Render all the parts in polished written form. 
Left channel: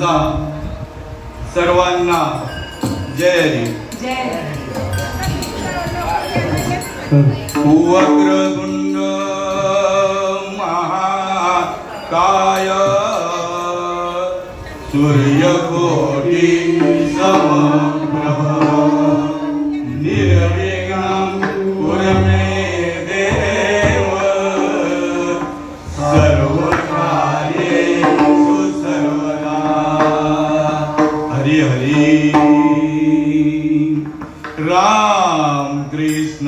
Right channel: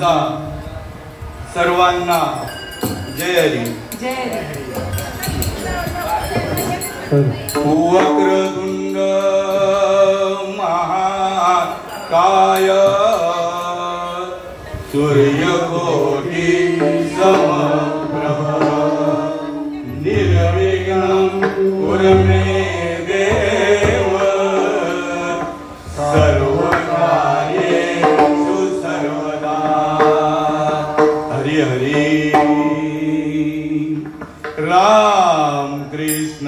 माझा सर्वांना जय हरी. जय वक्रतुंड महाकाय सूर्यकोटि समप्रभ निर्विघ्नं कुरु मे देव सर्वकार्येषु सर्वदा. हरि हरि राम कृष्ण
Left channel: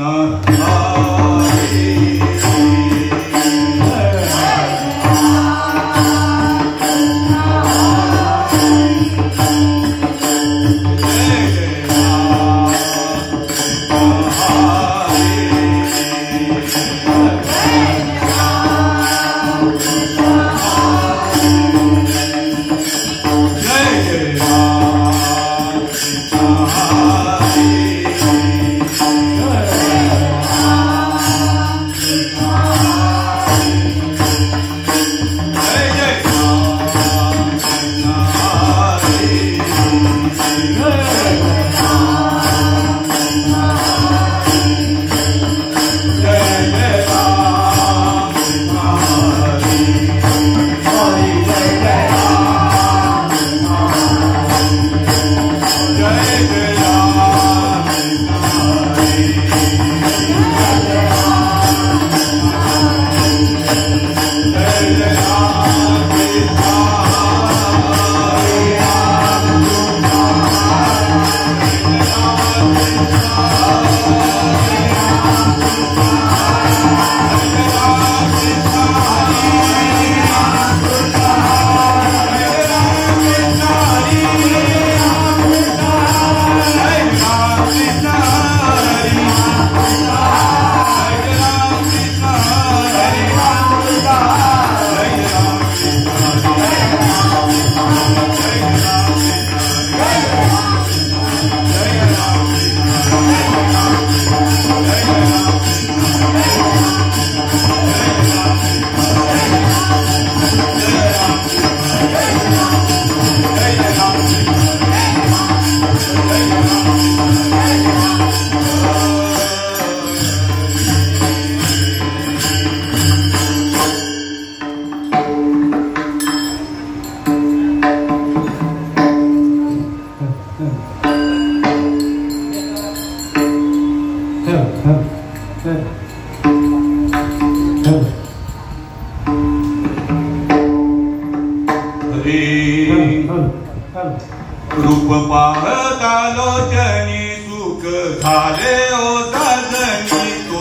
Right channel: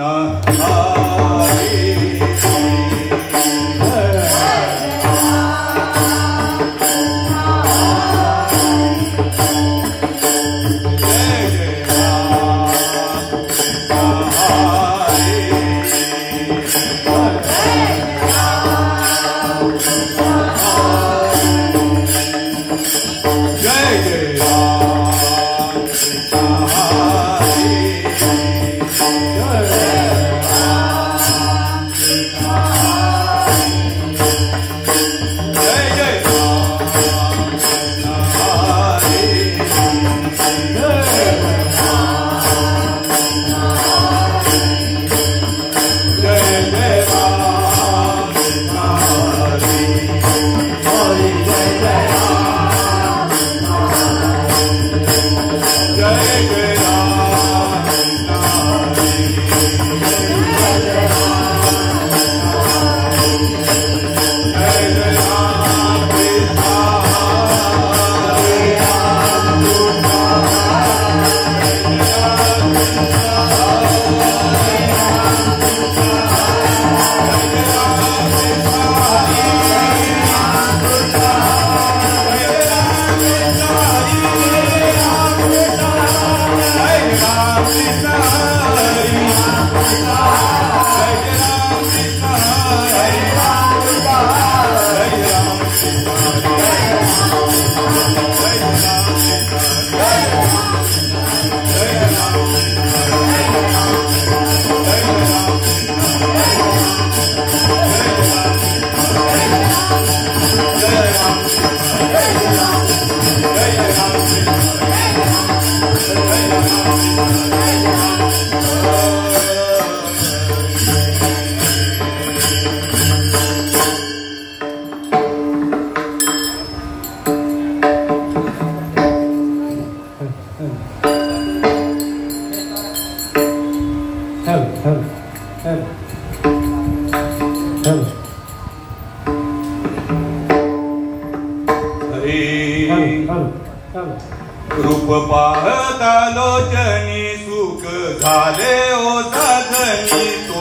रूप पाहता लोचनी सुख झाले ओ साजनी तो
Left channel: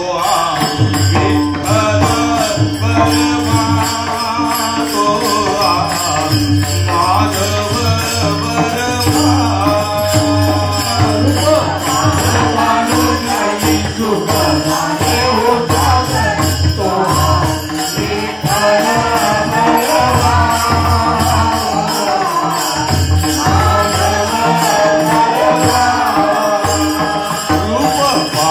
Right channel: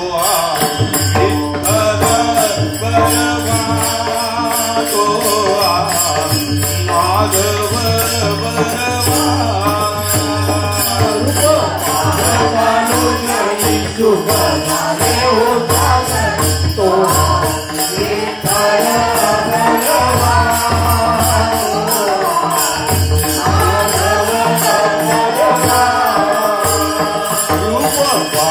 रूप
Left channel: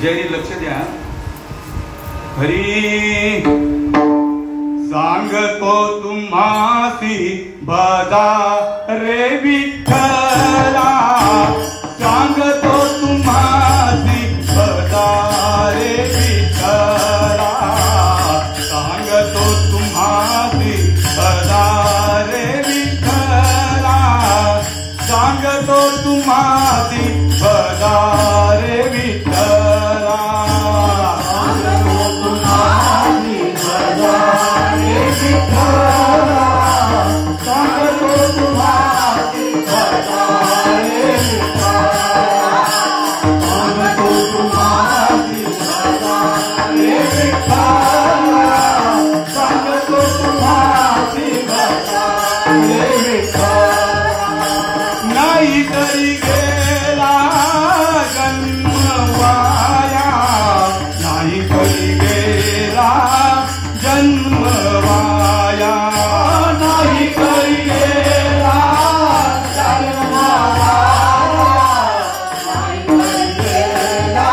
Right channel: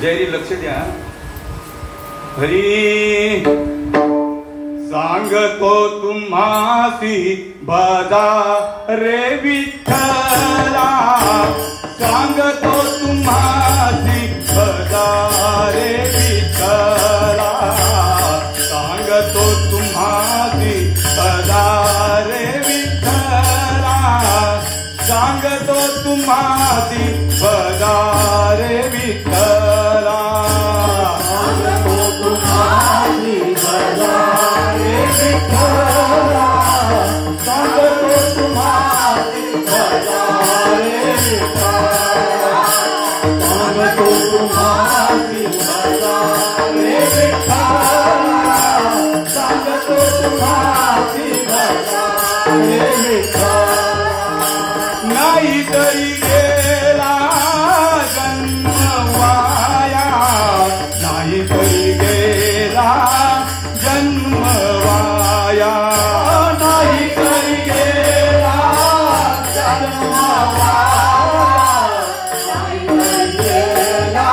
जयरी लक्ष द्या. हरी सांगतो तुम्हासी बदा रे विठ्ठला, सांगतो तुम्हासी बदा रे विठ्ठला, सांगतो तुम्हासी बदा रे विठ्ठला, सांगतो तुम्हासी बदा रे विठ्ठला, सांगतो तुम्हासी बदा रे विठ्ठला, सांगतो तुम्हासी बदा रे विठ्ठला, सांगतो तुम्हासी बदा रे विठ्ठला, सांगतो तुम्हासी बदा रे विठ्ठला. नाही तरी गेला जन्म वाया, नाही तरी गेला जन्म वाया, नाही तरी गेला जन्म वाया, नाही तरी गेला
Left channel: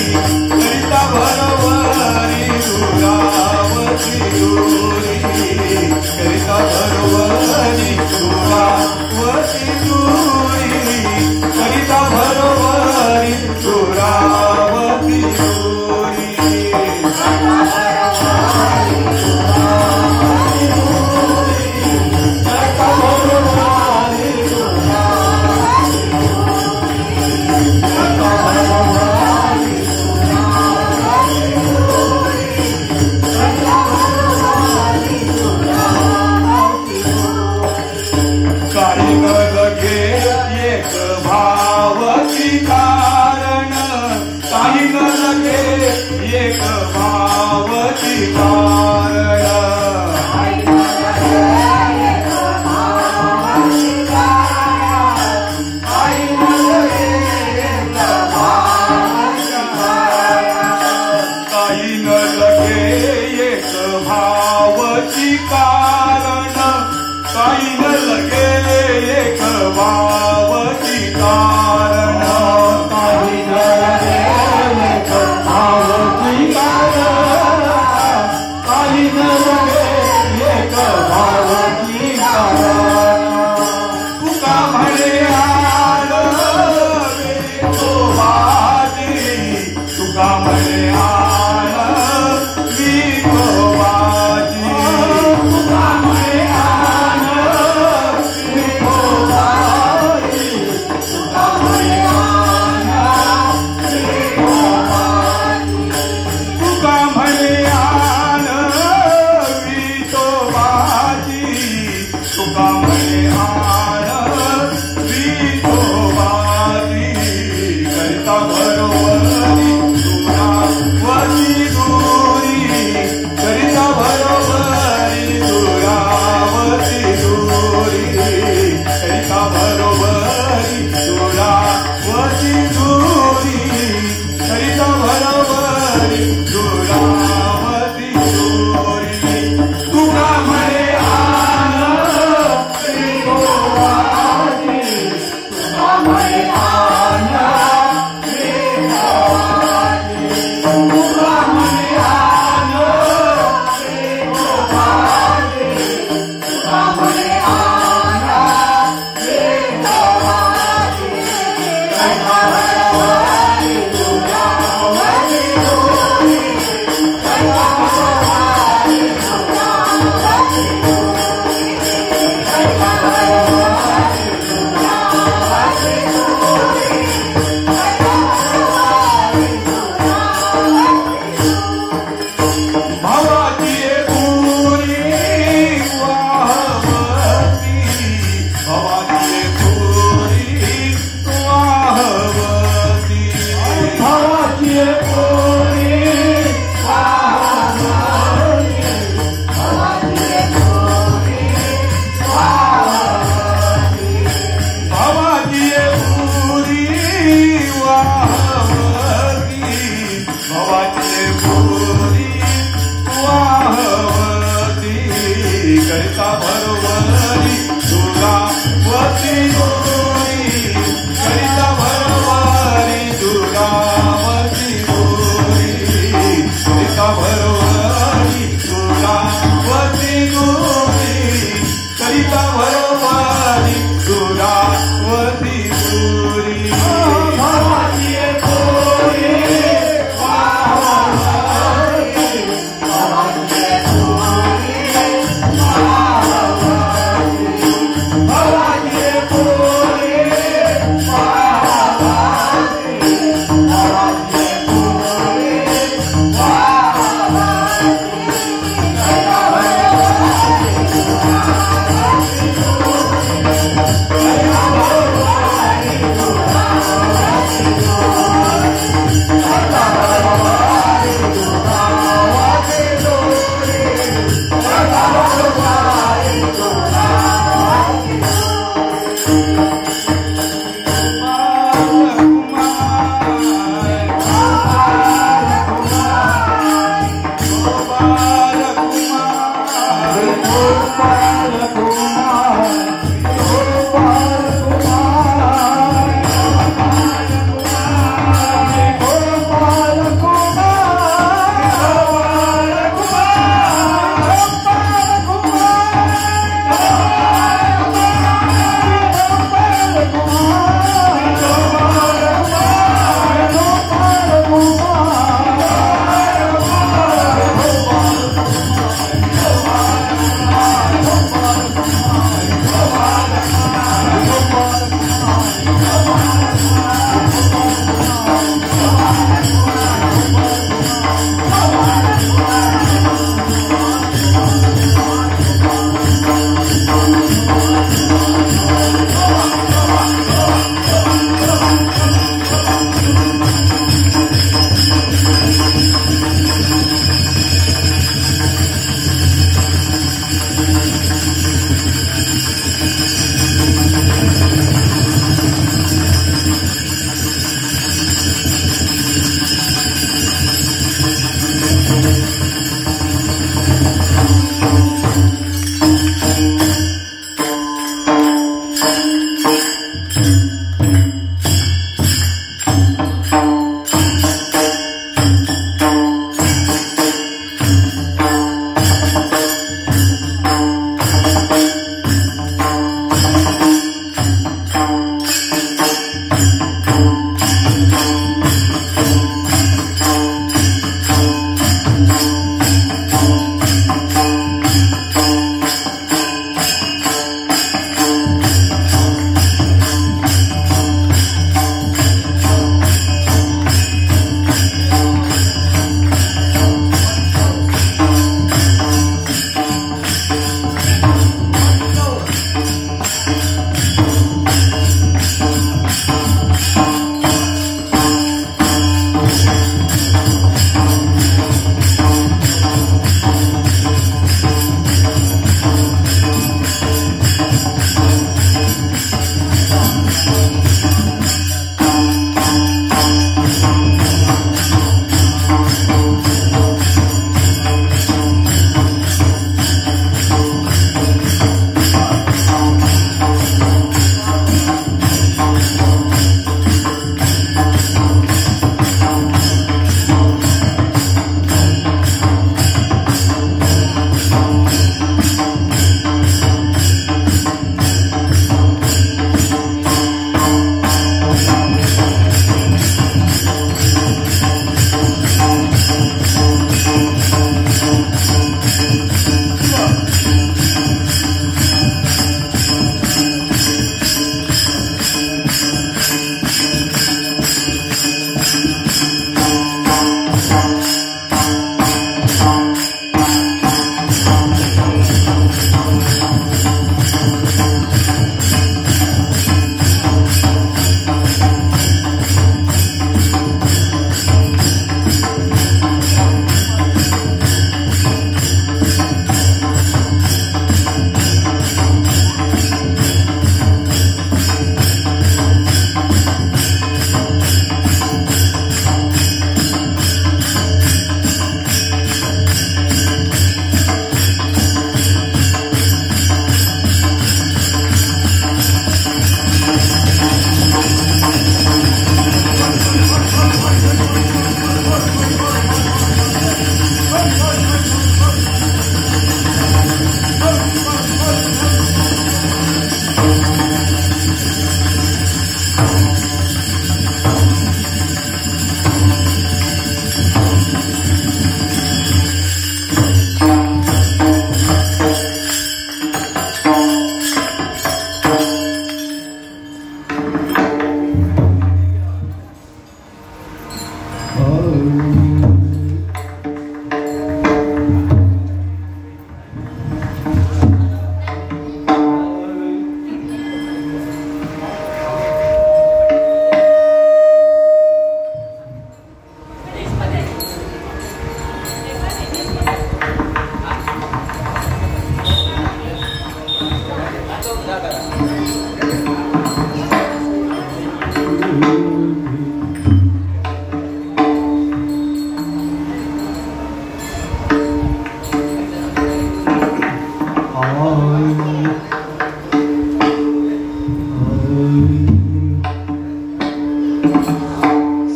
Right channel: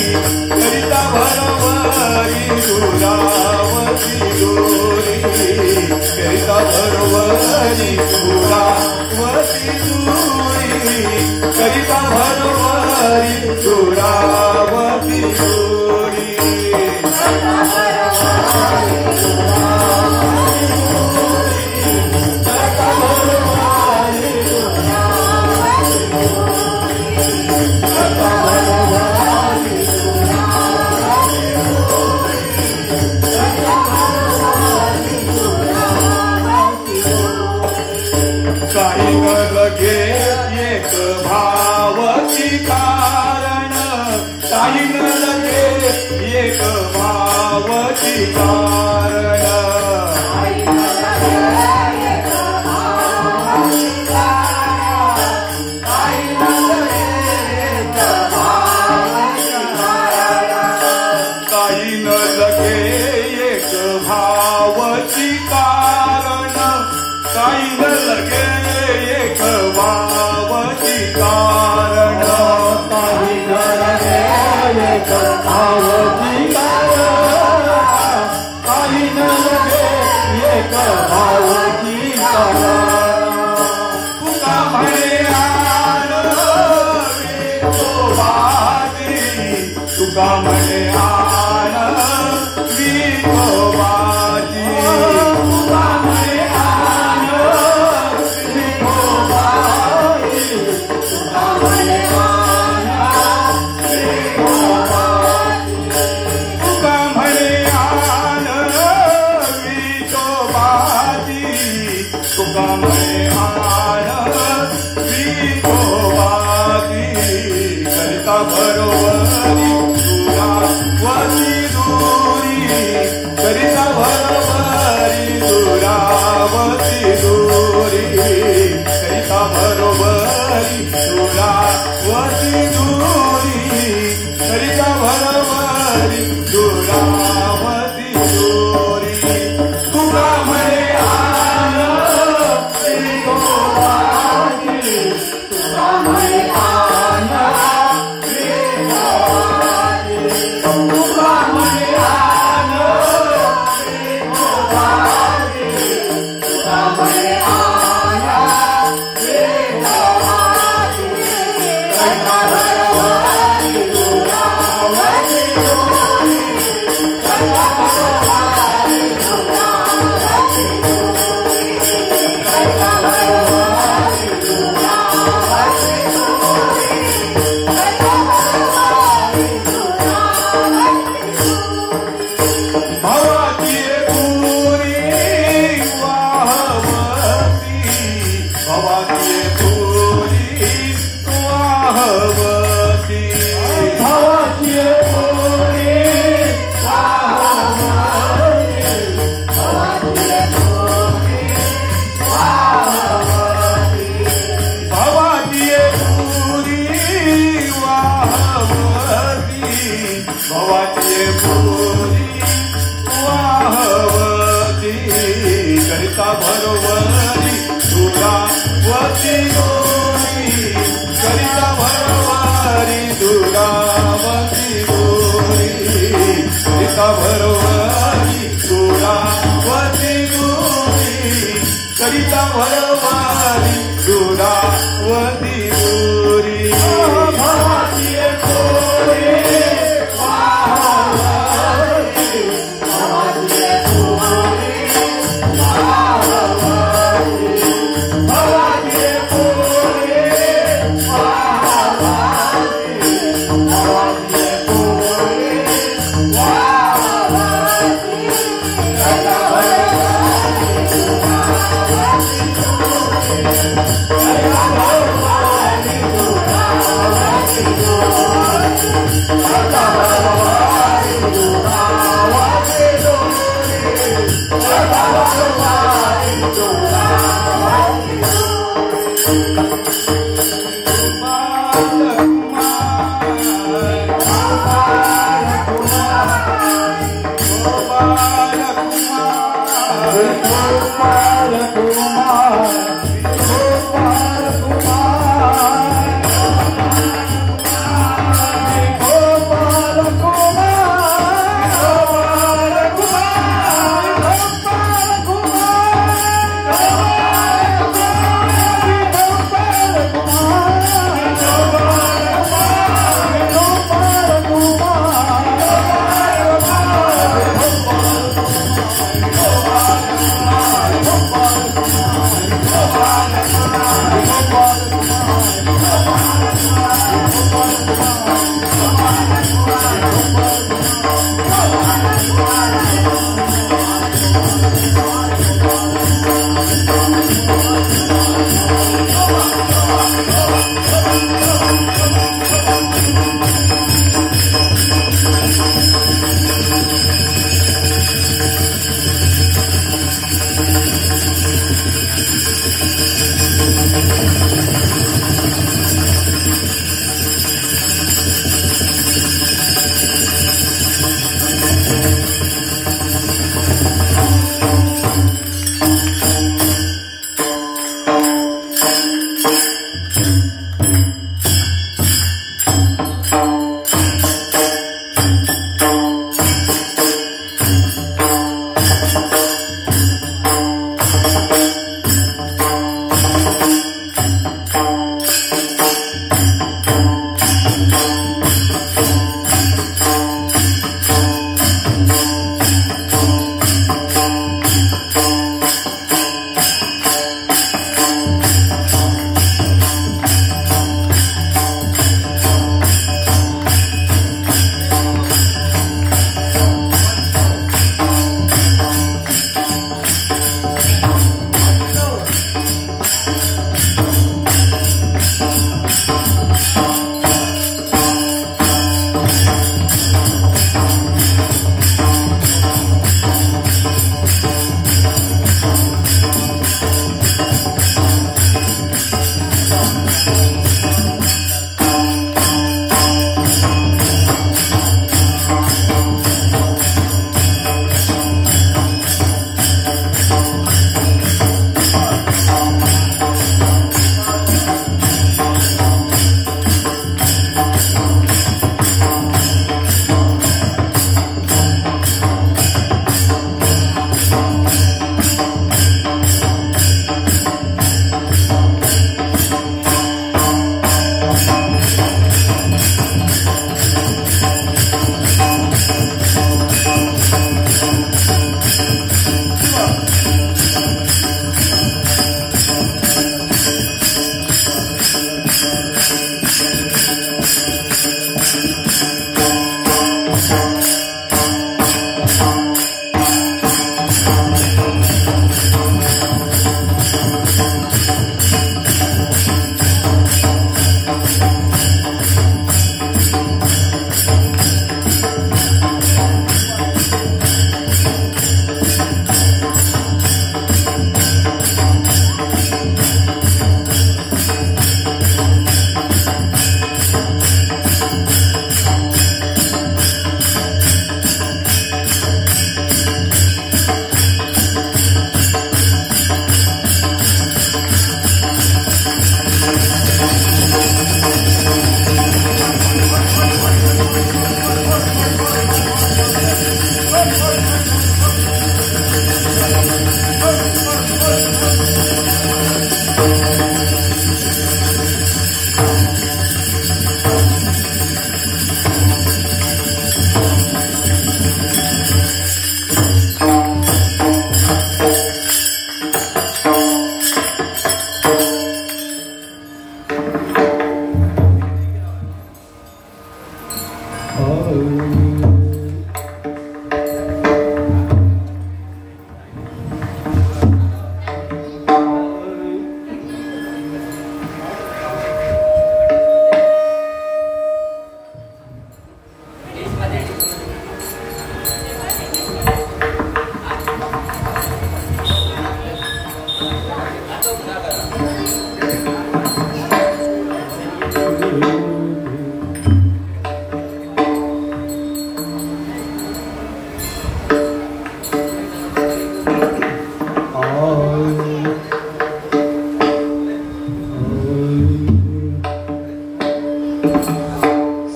करिता भरवरी दुरावती दुरी करिता भरवरी दुरावती दुरी करिता भरवरी दुरावती दुरी काही लगे एक भावकी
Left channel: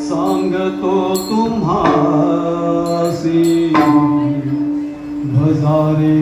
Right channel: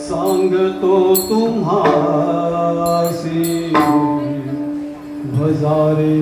सांगतो तुम्हासी भजारे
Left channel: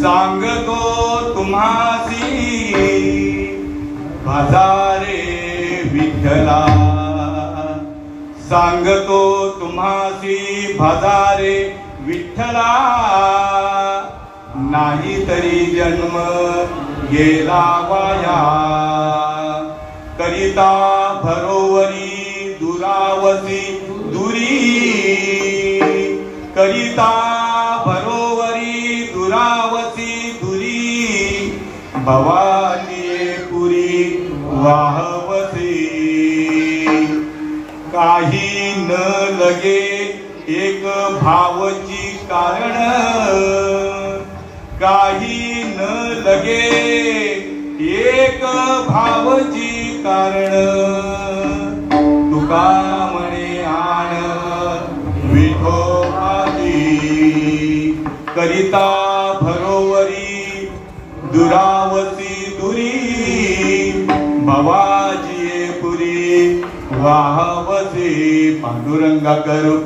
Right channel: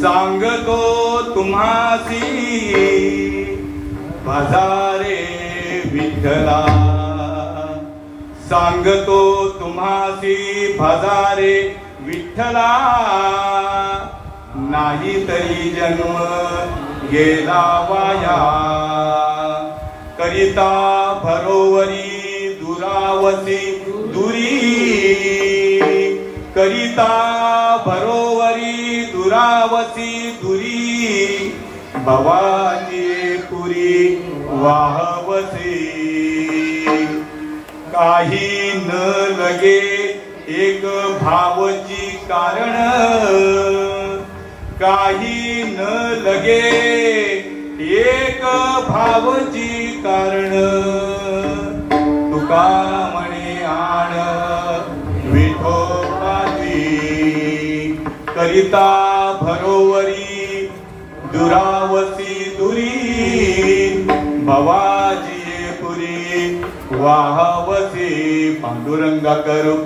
सांगतो तुम्हासी भजारे विठ्ठला, सांगतो तुम्हासी भजारे विठ्ठला, नाही तरी जन्म गेला वाया, करिता भरोवरी दुरावसी दुरी, करिता भरोवरी दुरावसी दुरी, भवाची पुरी वाहवसी, काही न लगे एक भावची कारण, काही न लगे एक भावची कारण, तुका म्हणे आण विठोबाची, करिता भरोवरी दुरावसी दुरी, भवाजी पुरी वाहवसी, पांडुरंगा करू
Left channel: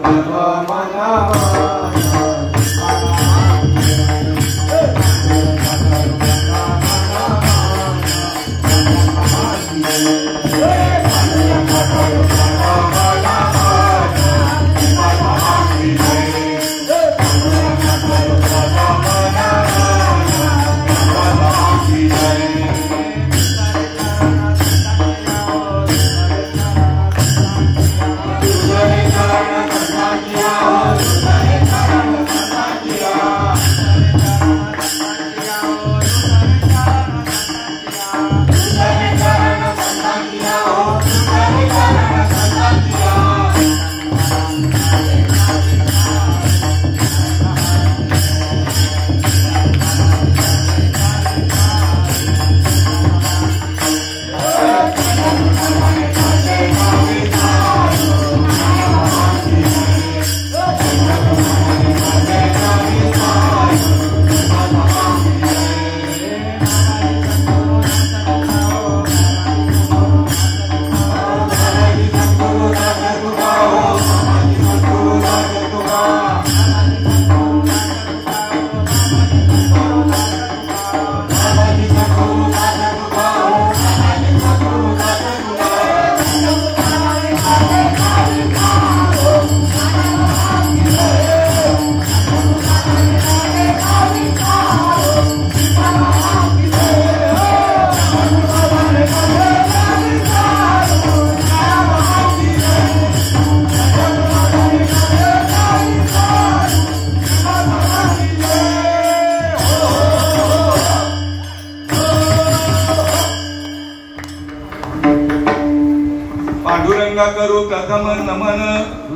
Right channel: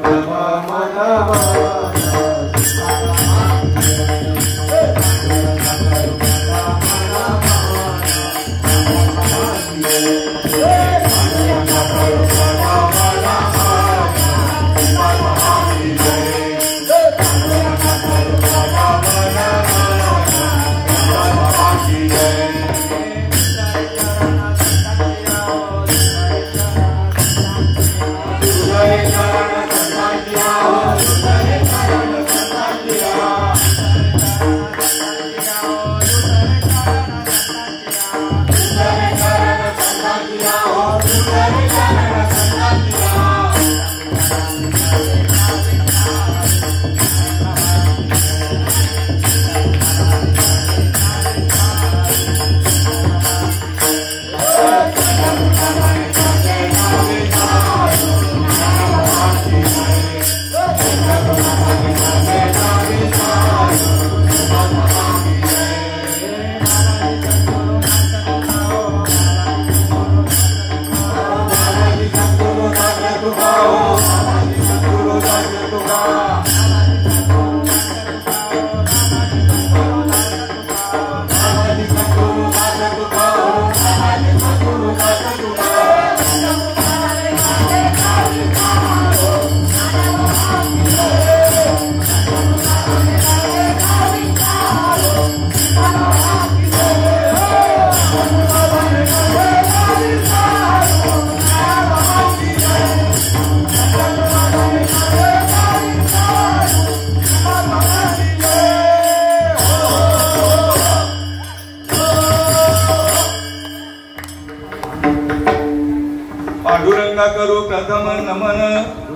करू प्रथम नमन,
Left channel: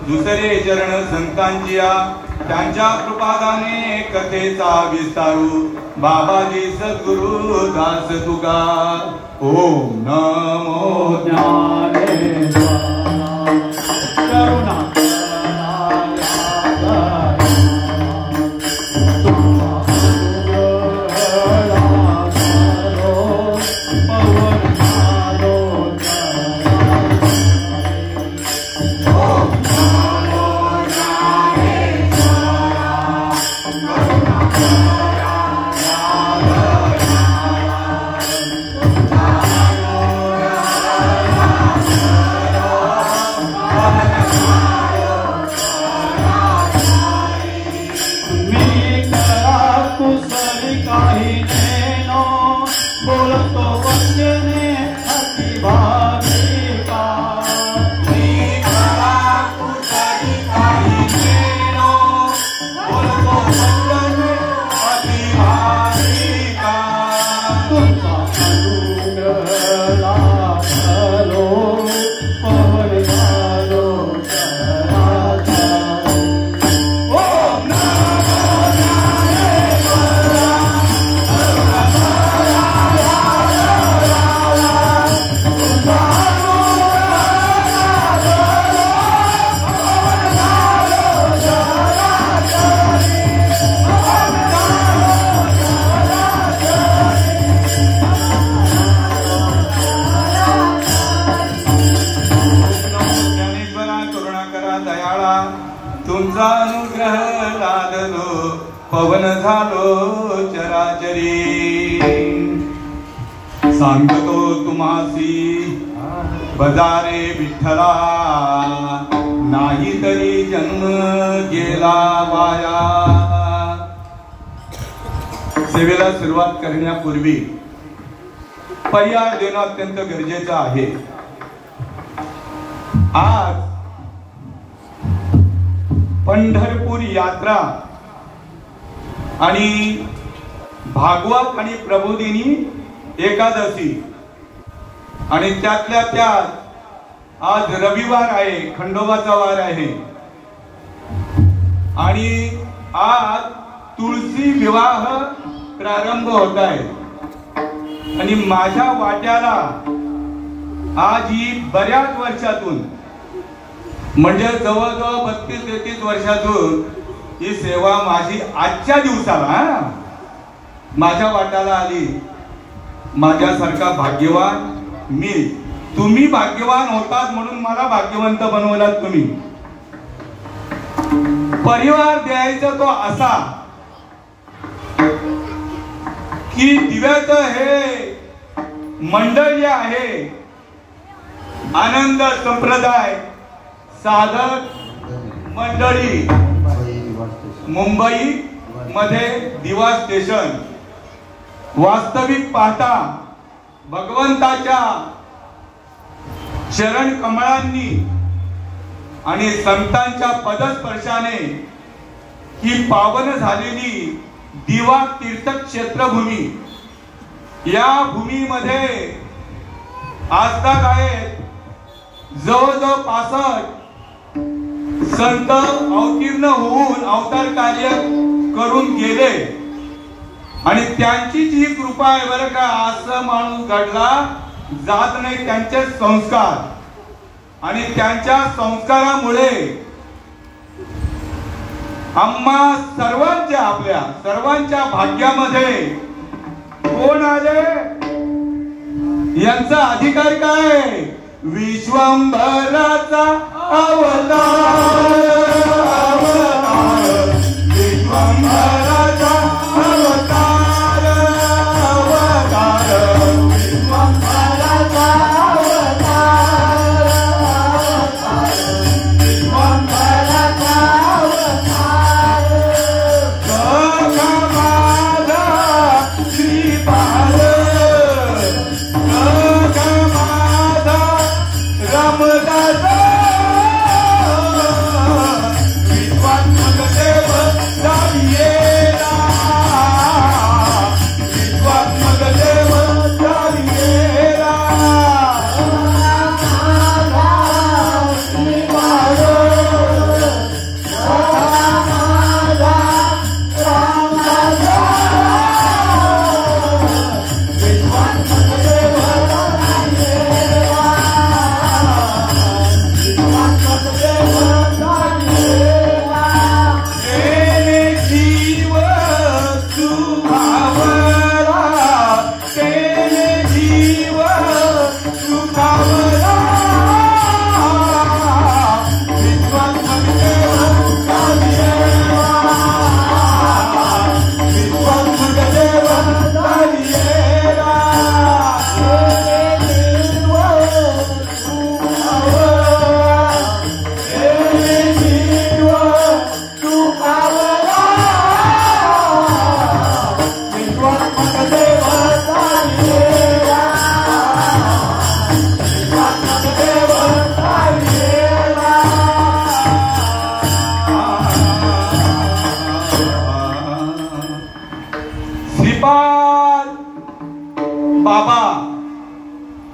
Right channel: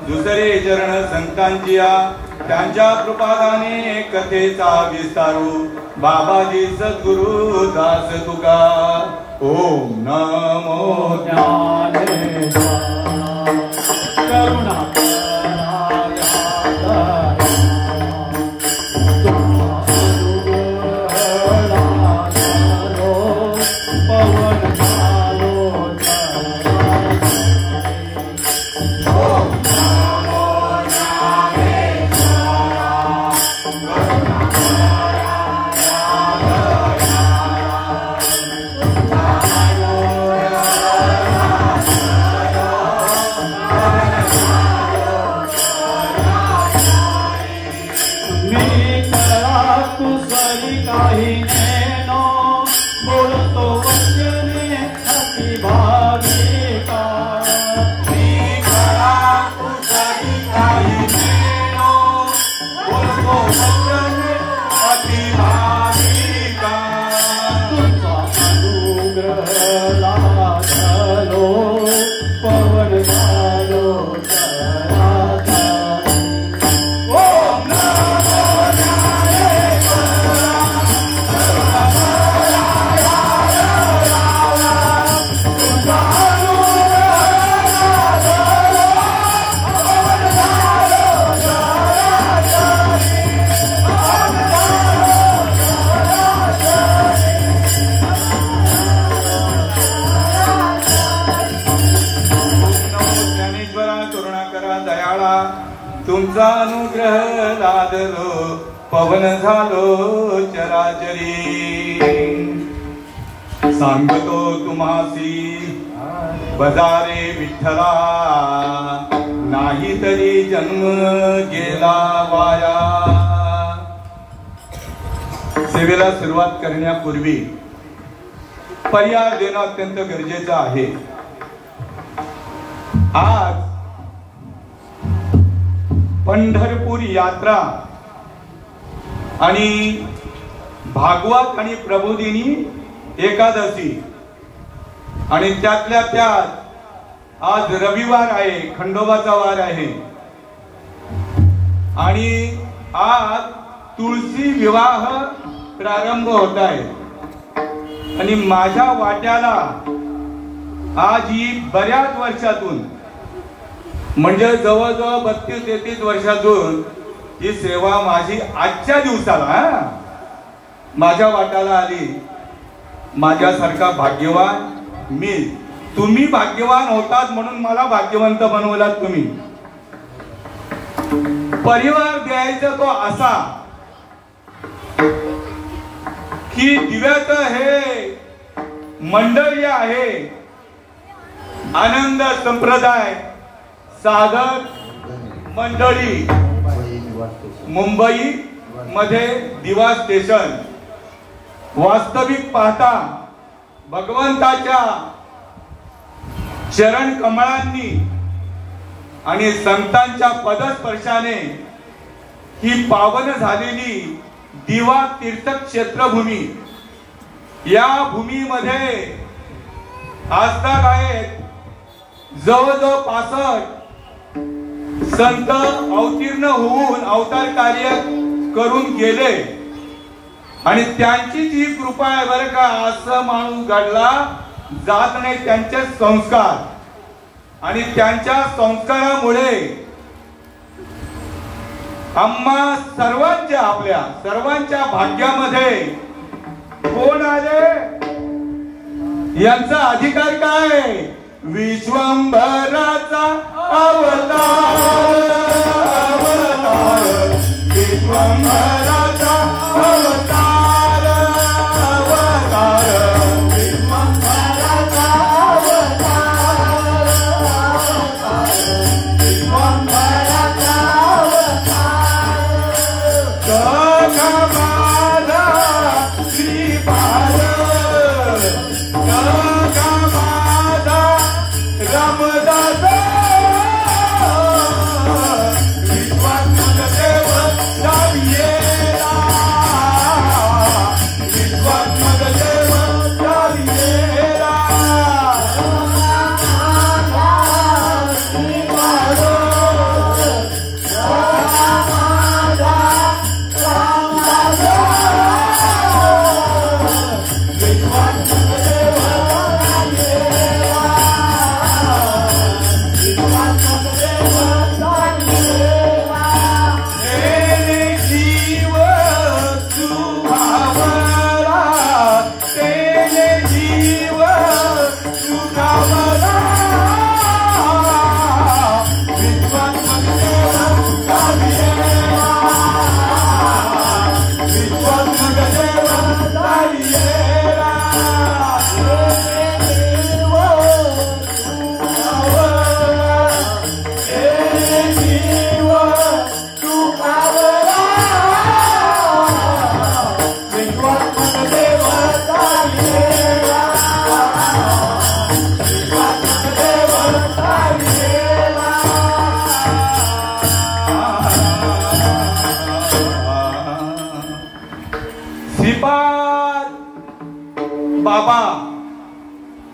दुसरे चरण संतांचिया, त्यांच्या कृपादाने कथेचा विस्तारू, बाबाजी सद्गुरु दास तुका, ओम नमो ज्ञानेश्वराय करुणा अनुग्रह लादलो पवन झालो चराचरी सांगतो तुम्हासी बजारे विठ्ठला नाही तरी जन्म गेला वाया। सेवेला सुरुवात करण्यापूर्वी पर्याय देणं अत्यंत गरजेचं आहे। आज पंढरपूर यात्रा आणि भागवत आणि प्रबोधिनी एकादशी आणि त्यातल्या त्यात आज रविवार आहे, खंडोबाचा वार आहे आणि आज तुळशी विवाह प्रारंभ होत आहे आणि माझ्या वाट्याला आज ही बऱ्याच वर्षातून म्हणजे जवळजवळ 32-33 वर्षातून ही सेवा माझी आजच्या दिवसाला माझ्या वाट्याला आली। माझ्यासारखा भाग्यवान मी, तुम्ही भाग्यवान होतात म्हणून मला भाग्यवंत बनवलात तुम्ही। परिवार द्यायचा तो असा की दिव्याचं हे मंडळी आहे, आनंद संप्रदाय साधक मंडळी मुंबई मध्ये दिवा स्टेशन। वास्तविक पाहता भगवंताच्या चरण कमळांनी आणि संतांच्या पदस्पर्शाने ही पावन झालेली दिवा तीर्थक्षेत्रभूमी, या भूमीमध्ये आजताक आहेत जवळजवळ 65 संत अवतीर्ण होऊन अवतार कार्य करून गेले आणि त्यांची जी कृपा आहे बरं का, असं माणूस घडला जात नाही त्यांचे संस्कार आणि त्यांच्या संस्कारामुळे आम्हा सर्वांच्या आपल्या सर्वांच्या भाग्यामध्ये कोण आले यांचा अधिकार काय? विश्वंभराचा अवतार विश्वंभराचा अवतार अवतार विश्वंभराचा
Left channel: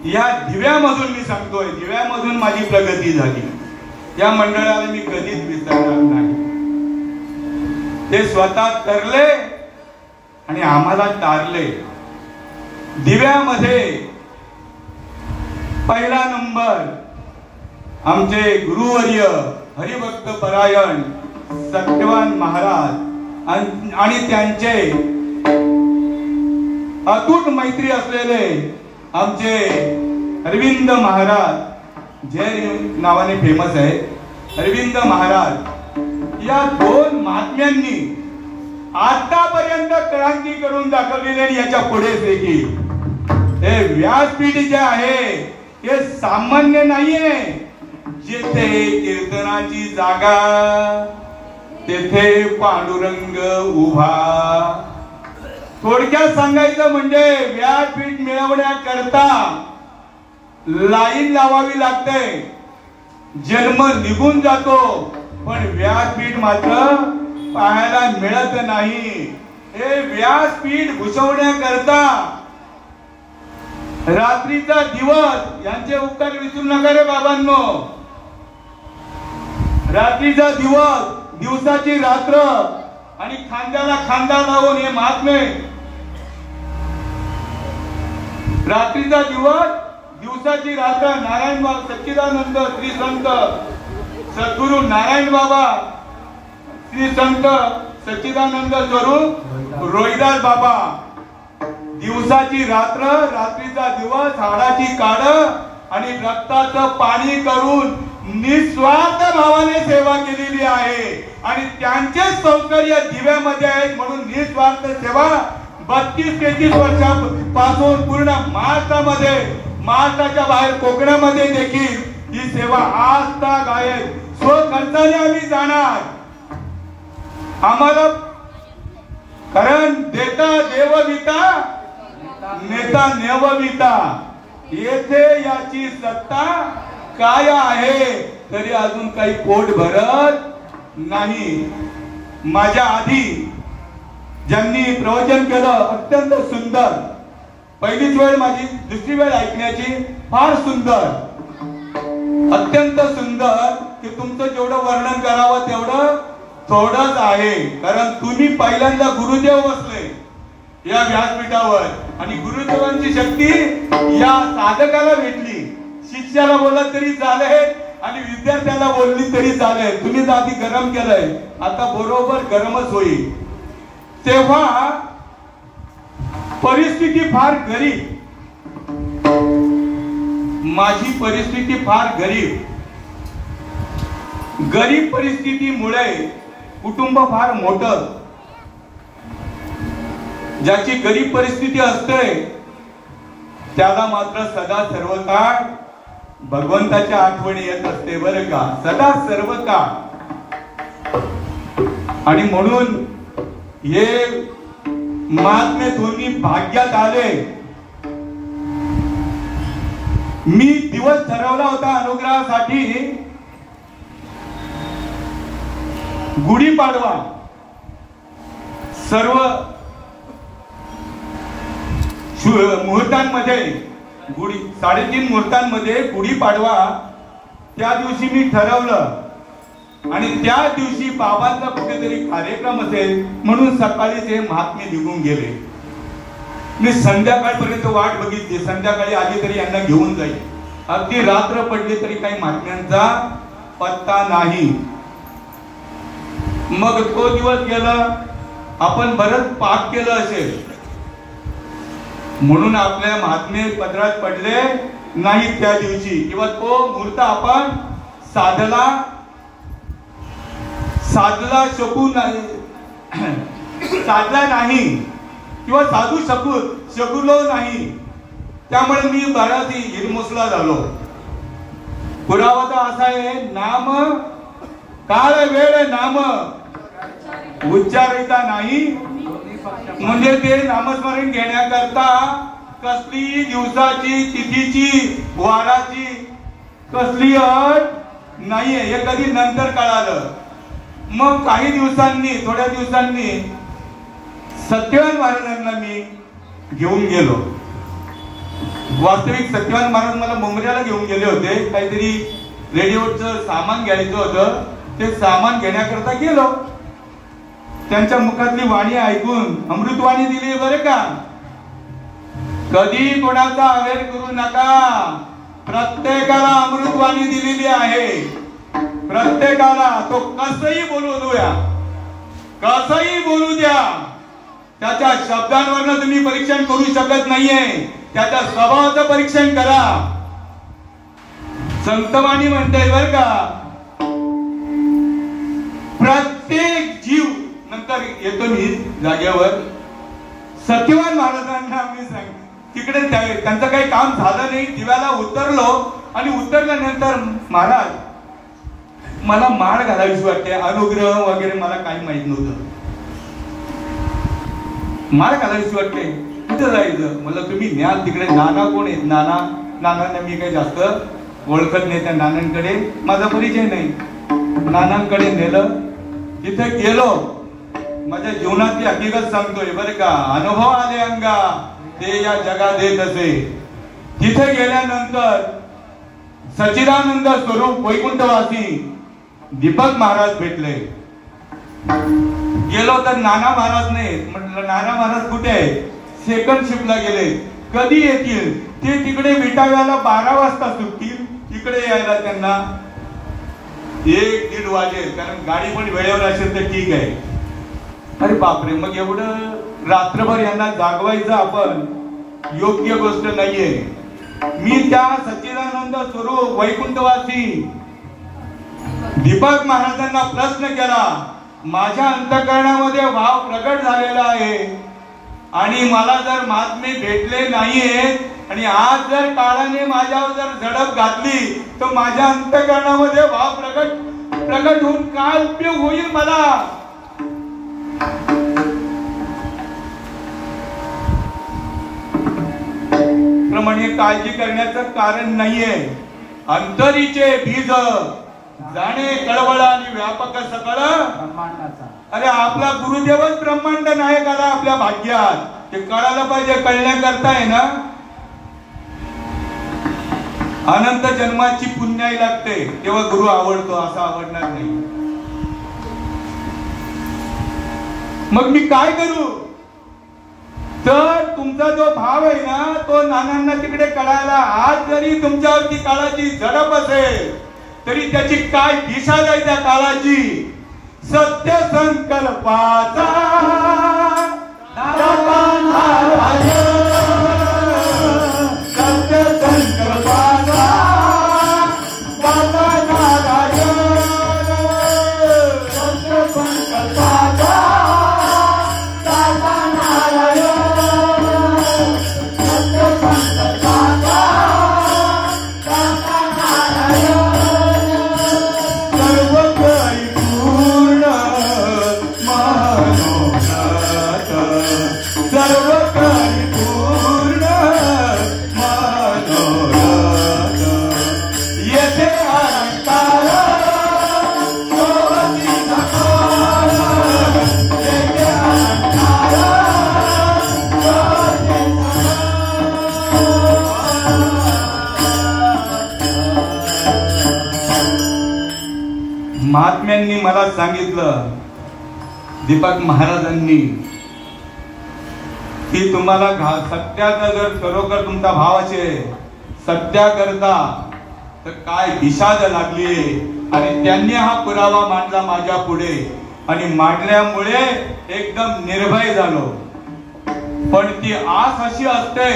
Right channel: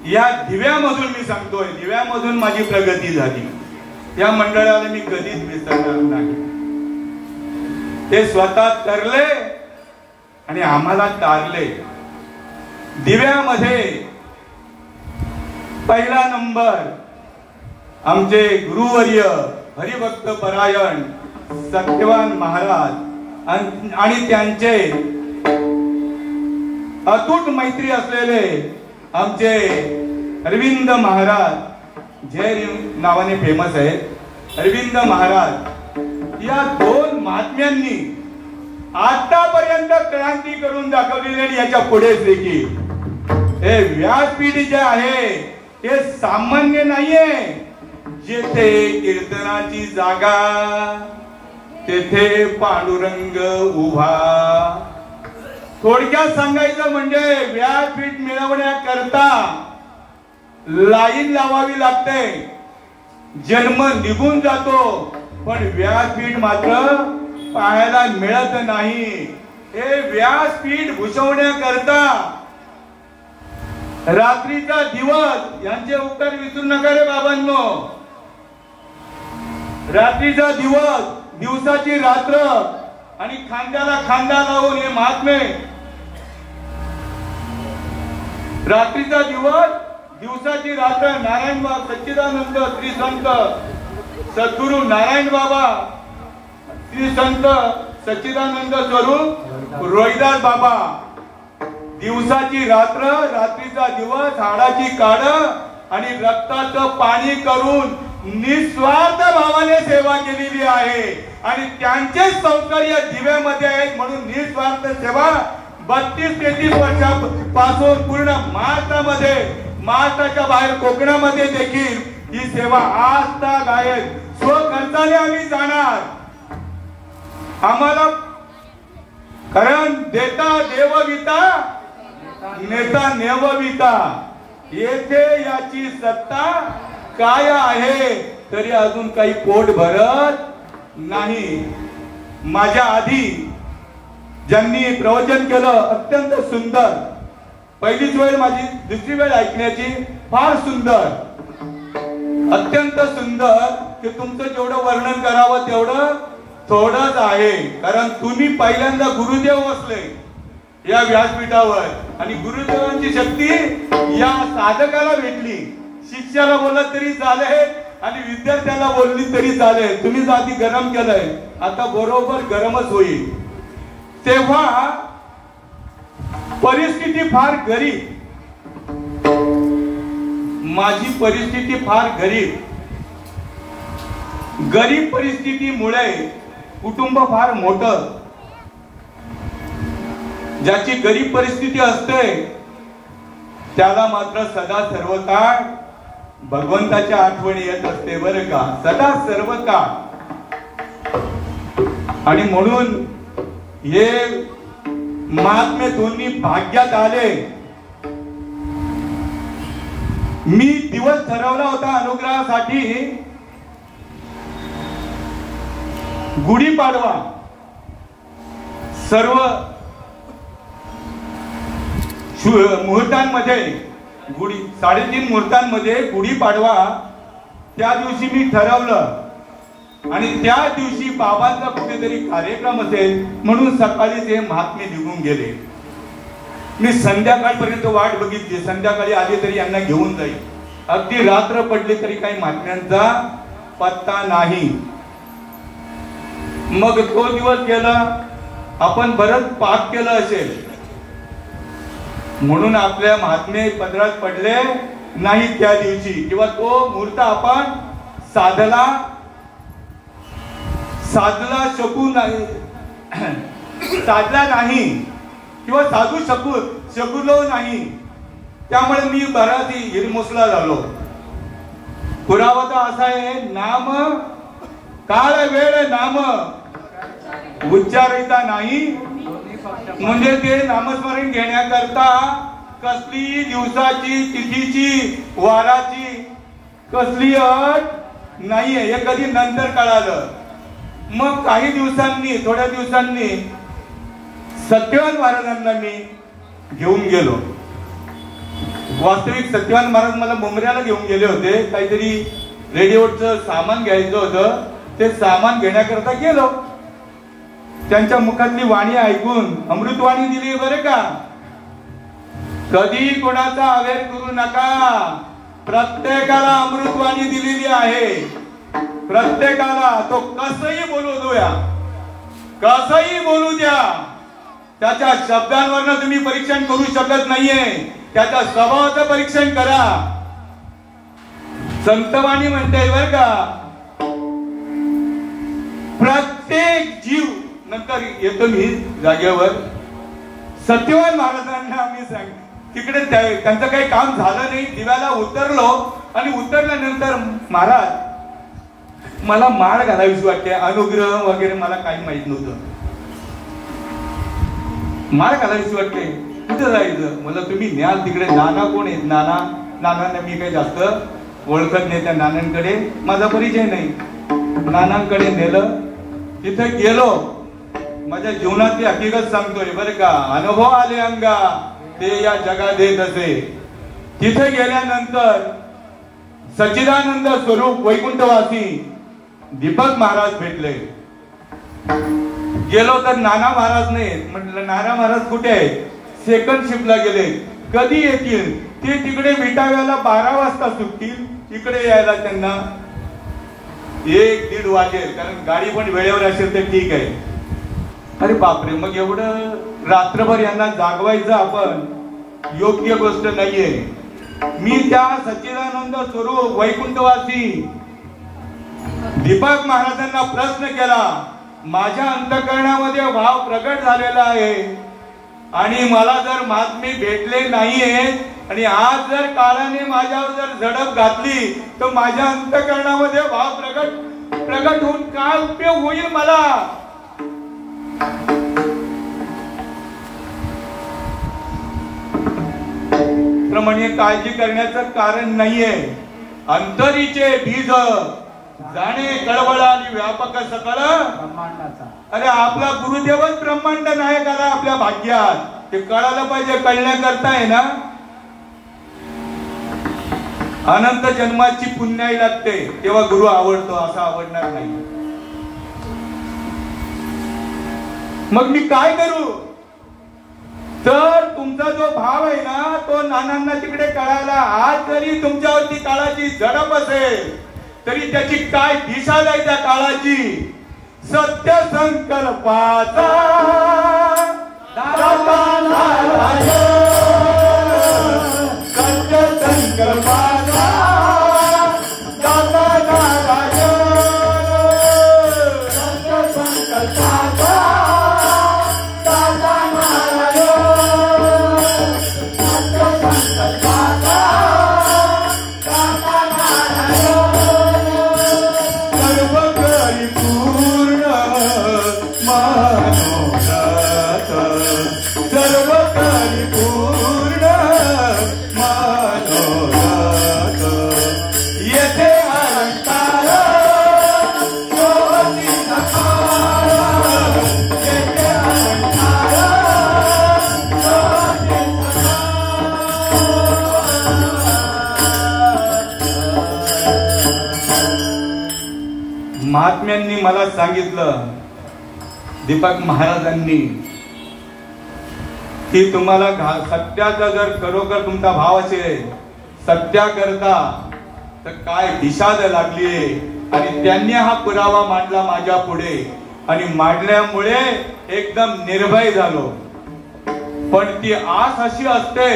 या दिव्यामधून मी सांगतोय, दिव्यामधून माझी प्रगती झाली। या मंडळाला मी कधीच विसरणार नाही। ते स्वतः तरले आणि आम्हाला तारले। दिव्यामध्ये पहिला नंबर आमचे गुरुवर्य हरिभक्त परायण सत्यवान महाराज आणि त्यांचे अतूट मैत्री असलेले आमचे अरविंद महाराज, जय नावाने फेमस आहे अरविंद महाराज या दोन महात्म्यांनी आतापर्यंत क्रांती करून दाखवलेली आणि याच्या पुढेच देखील हे व्यासपीठ जे आहे हे सामान्य नाहीये. जेथे कीर्तनाची जागा तेथे पांडुरंग उभा. थोडक्यात सांगायचं म्हणजे व्यासपीठ मिळवण्याकरता लाईन लावावी लागते. जन्म निघून जातो पण व्यासपीठ मात्र पाहायला मिळत नाही. हे व्यासपीठ घुसवण्याकरता रात्रीचा दिवस यांचे उपकार विसरू नका रे बाबांनो. रात्रीचा दिवस, दिवसाची रात्र आणि खांद्याला खांदा लावून हे महात्मे. रात्रीचा दिवस, दिवसाची रात्र. नारायण बाबा सच्चिदानंद श्री संत सद्गुरु नारायण बाबा, श्री संत सच्चिदानंद स्वरूप रोहिदास बाबा. दिवसाची रात्र, रात्रीचा दिवस, हाडाची काड आणि रक्ताचं पाणी करून निस्वार्थ भावाने सेवा केलेली आहे. आणि त्यांचे सौकर्य दिव्यामध्ये आहेत म्हणून निस्वार्थ सेवा 32-33 वर्षापासून पूर्ण महाराष्ट्रामध्ये, महाराष्ट्राच्या बाहेर कोकणामध्ये देखील ही सेवा आज तक आहे. स्वखर्चाने आम्ही जाणार. आम्हाला कारण देता देवविता, नेता नेवविता. येथे याची सत्ता काय आहे तरी अजून काही पोट भरत नाही. माझ्या आधी ज्यांनी प्रवचन केलं अत्यंत सुंदर. पहिलीच वेळ माझी, दुसरी वेळ ऐकण्याची फार सुंदर, अत्यंत सुंदर. की तुमचं जेवढं वर्णन करावं तेवढं थोडंच आहे. कारण तुम्ही पहिल्यांदा गुरुदेव बसले या व्यासपीठावर आणि गुरुदेवांची शक्ती या साधकाला भेटली. शिष्याला बोलत तरी चालेल आणि विद्यार्थ्याला बोलली तरी चालेल. तुम्ही आधी गरम केलंय, आता बरोबर गरमच होईल. तेव्हा परिस्थिती फार गरीब, माझी परिस्थिती फार गरीब. गरीब परिस्थितीमुळे कुटुंब फार मोठं. ज्याची गरीब परिस्थिती असते त्याला मात्र सदा सर्व काळ भगवंताची आठवण येत असते बरं का, सदा सर्व काळ. आणि म्हणून हे महात्मे दोन्ही भाग्यात आले. मी दिवस ठरवला होता अनुग्रहासाठी गुढीपाडवा. सर्व मुहूर्तांमध्ये 3:30 मुहूर्तांमध्ये गुढीपाडवा त्या दिवशी मी ठरवलं आणि त्या दिवशी बाबांचा कुठेतरी कार्यक्रम असेल म्हणून सकाळी ते महात्मे निघून गेले. मी संध्याकाळपर्यंत वाट बघितली, संध्याकाळी आले तरी यांना घेऊन जाईल. अगदी रात्र पडली तरी काही महात्म्यांचा पत्ता नाही. मग तो दिवस गेला. आपण बरंच पाप केलं असेल म्हणून आपल्या महात्मे पदरात पडले नाही त्या दिवशी, किंवा तो मुहूर्त आपण साधला नाही किंवा साधू शकलो नाही. त्यामुळे मी बराच हिरमोसला झालो. पुरावा असा आहे, नाम काळ वेळ नाम उच्चारिता नाही. म्हणजे ते नामस्मरण घेण्याकरता कसली दिवसाची, तिथीची, वाराची कसली अट नाहीये. हे कधी नंतर कळालं. मग काही दिवसांनी, थोड्या दिवसांनी सत्यवान महाराजांना मी घेऊन गेलो. वास्तविक सत्यवान महाराज मला मुंबऱ्याला घेऊन गेले होते. काहीतरी रेडिओचं सामान घ्यायचं होतं. ते सामान घेण्याकरता गेलो. त्यांच्या मुखातली वाणी ऐकून अमृतवाणी दिली बरे का. कधी कोणाचा अवेर करू नका. प्रत्येकाला अमृतवाणी दिलेली आहे. प्रत्येकाला तो कसंही बोलू द्या, कसंही बोलू द्या. त्याच्या शब्दांवरनं तुम्ही परीक्षण करू शकत नाहीये. त्याच्या स्वभावाचं परीक्षण करा. संतवाणी म्हणते बर का, प्रत्येक जीव नंतर येतो मी जागेवर. सत्यवान महाराजांना आम्ही सांग तिकडे त्यांचं काही काम झालं नाही. दिव्याला उतरलो आणि उतरल्यानंतर महाराज मला माळ घालावीशी वाटते, अनुग्रह वगैरे मला काही माहित नव्हतं. माळ घालावीशी वाटते, कुठं जायचं? मला तुम्ही न्याल तिकडे. नाना कोण आहेत? नानांना मी काही जास्त ओळखत नाही. त्या नानांकडे माझा परिचय नाही. नानांकडे नेलं, तिथे गेलो. माझ्या जीवनातली हकीकत सांगतोय बरं का, अनुभव आले अंगा ते या जगात येत असे. तिथे गेल्यानंतर सच्चिदानंद स्वरूप वैकुंठवासी दीपक महाराज भेटले. गेलो तर नाना महाराज नाही. म्हटलं नाना महाराज कुठे आहे? सेकंड शिफ्टला गेले. कधी येतील? ते तिकडे विटाव्याला 12 वाजता सुटतील. इकडे यायला त्यांना 1-1.5 वाजेल, कारण गाडी पण वेळेवर असेल तर ठीक आहे. अरे बापरे, मग एवढं रात्रभर यांना जागवायचं आपण योग्य गोष्ट नाहीये. मी त्या सच्चिदानंद स्वरूप वैकुंठवासी दीपक महाराजांना प्रश्न केला. माझ्या अंतःकरणामध्ये भाव प्रगट झालेला आहे आणि मला जर महात्मे भेटले नाहीयेत आणि आज जर काळाने माझ्यावर जर झडप घातली तर माझ्या अंतःकरणामध्ये भाव प्रगट होऊन काय उपयोग होईल मला? प्रमाणे काळजी करण्याचं कारण नाहीये. अंतरीचे बीज जाणे कळवळ आणि व्यापक सकळ ब्रह्मांडाचा. अरे आपला गुरुदेवच ब्रह्मांड नायक आला आपल्या भाग्यात. ते कळायला पाहिजे. कळण्याकरता आहे ना अनंत जन्माची पुण्याई लागते, तेव्हा गुरु आवडतो. असा आवडणार नाही. मग मी काय करू? तर तुमचा जो भाव आहे ना तो नानांना तिकडे कळायला. आज जरी तुमच्यावरती काळाची झडप असेल तरी त्याची काय दिशा द्यायच्या काळाची? सत्य संकल्पाचा सत्य संकल्पाचा सत्य संकल्पाचा महात्म्यांनी मला सांगितलं, दीपक महाराजांनी, की तुम्हाला सत्याचा जर खरोखर तुमचा भाव असेल सत्याकरता तर काय दिशा लागली. आणि त्यांनी हा पुरावा मांडला माझ्या पुढे आणि मांडल्यामुळे एकदम निर्भय झालो. पण ती आस अशी असते,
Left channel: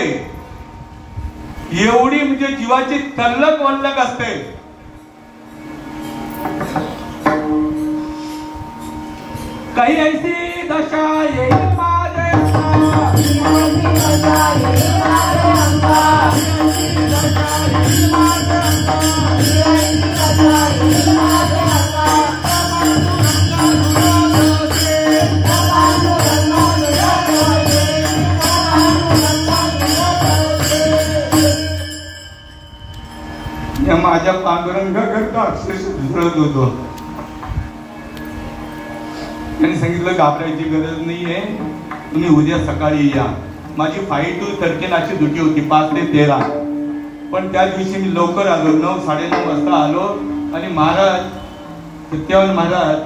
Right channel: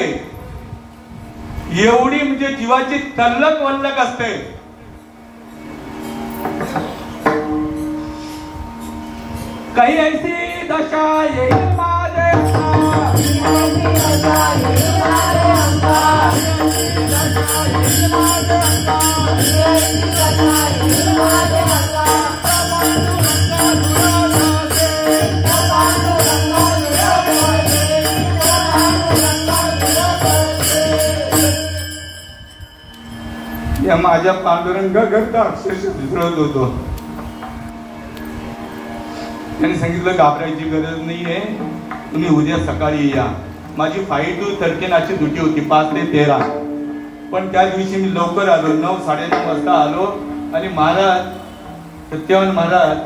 एवढी म्हणजे जीवाची तल्लक वल्लक असते. काही ऐसी दशा येईल माझे माझ्या पांडुरंगाकरता अक्षरशः झुरत होतो. त्यांनी सांगितलं घाबरायची गरज नाहीये, तुम्ही उद्या सकाळी या. माझी 5 to 13 अशी ड्युटी होती, 5 ते 13. पण त्या दिवशी मी लवकर आलो, 9-9:30 वाजता आलो. आणि महाराज सत्यवान महाराज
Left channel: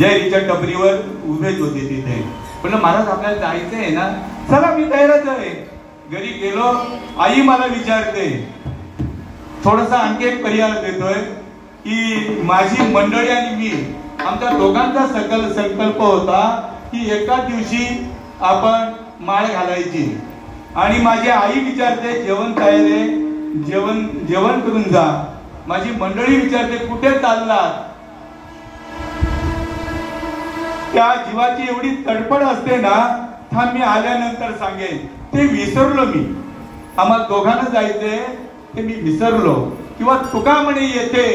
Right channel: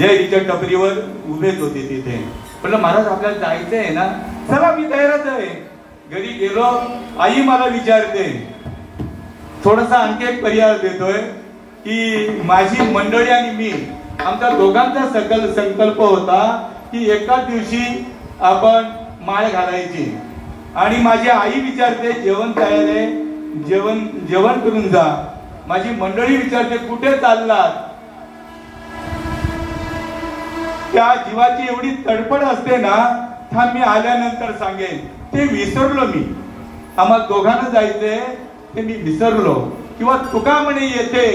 जयच्या टपरीवर उभेच होते तिथे. म्हटलं महाराज आपल्याला जायचं आहे ना? चला मी तयारच आहे. घरी गेलो, आई मला विचारते, थोडासा आणखी एक पर्याय देतोय की माझी मंडळी आणि मी, आमचा दोघांचा संकल्प होता की एकाच दिवशी आपण माळ घालायची. आणि माझी आई विचारते जेवण तयार आहे, जेवण करून जा. माझी मंडळी विचारते कुठे चाललात? त्या जीवाची एवढी तडफड असते ना, थांब मी आल्यानंतर सांगेन, ते विसरलो मी. आम्हाला दोघांना जायचंय ते मी विसरलो. किंवा तुका म्हणे येते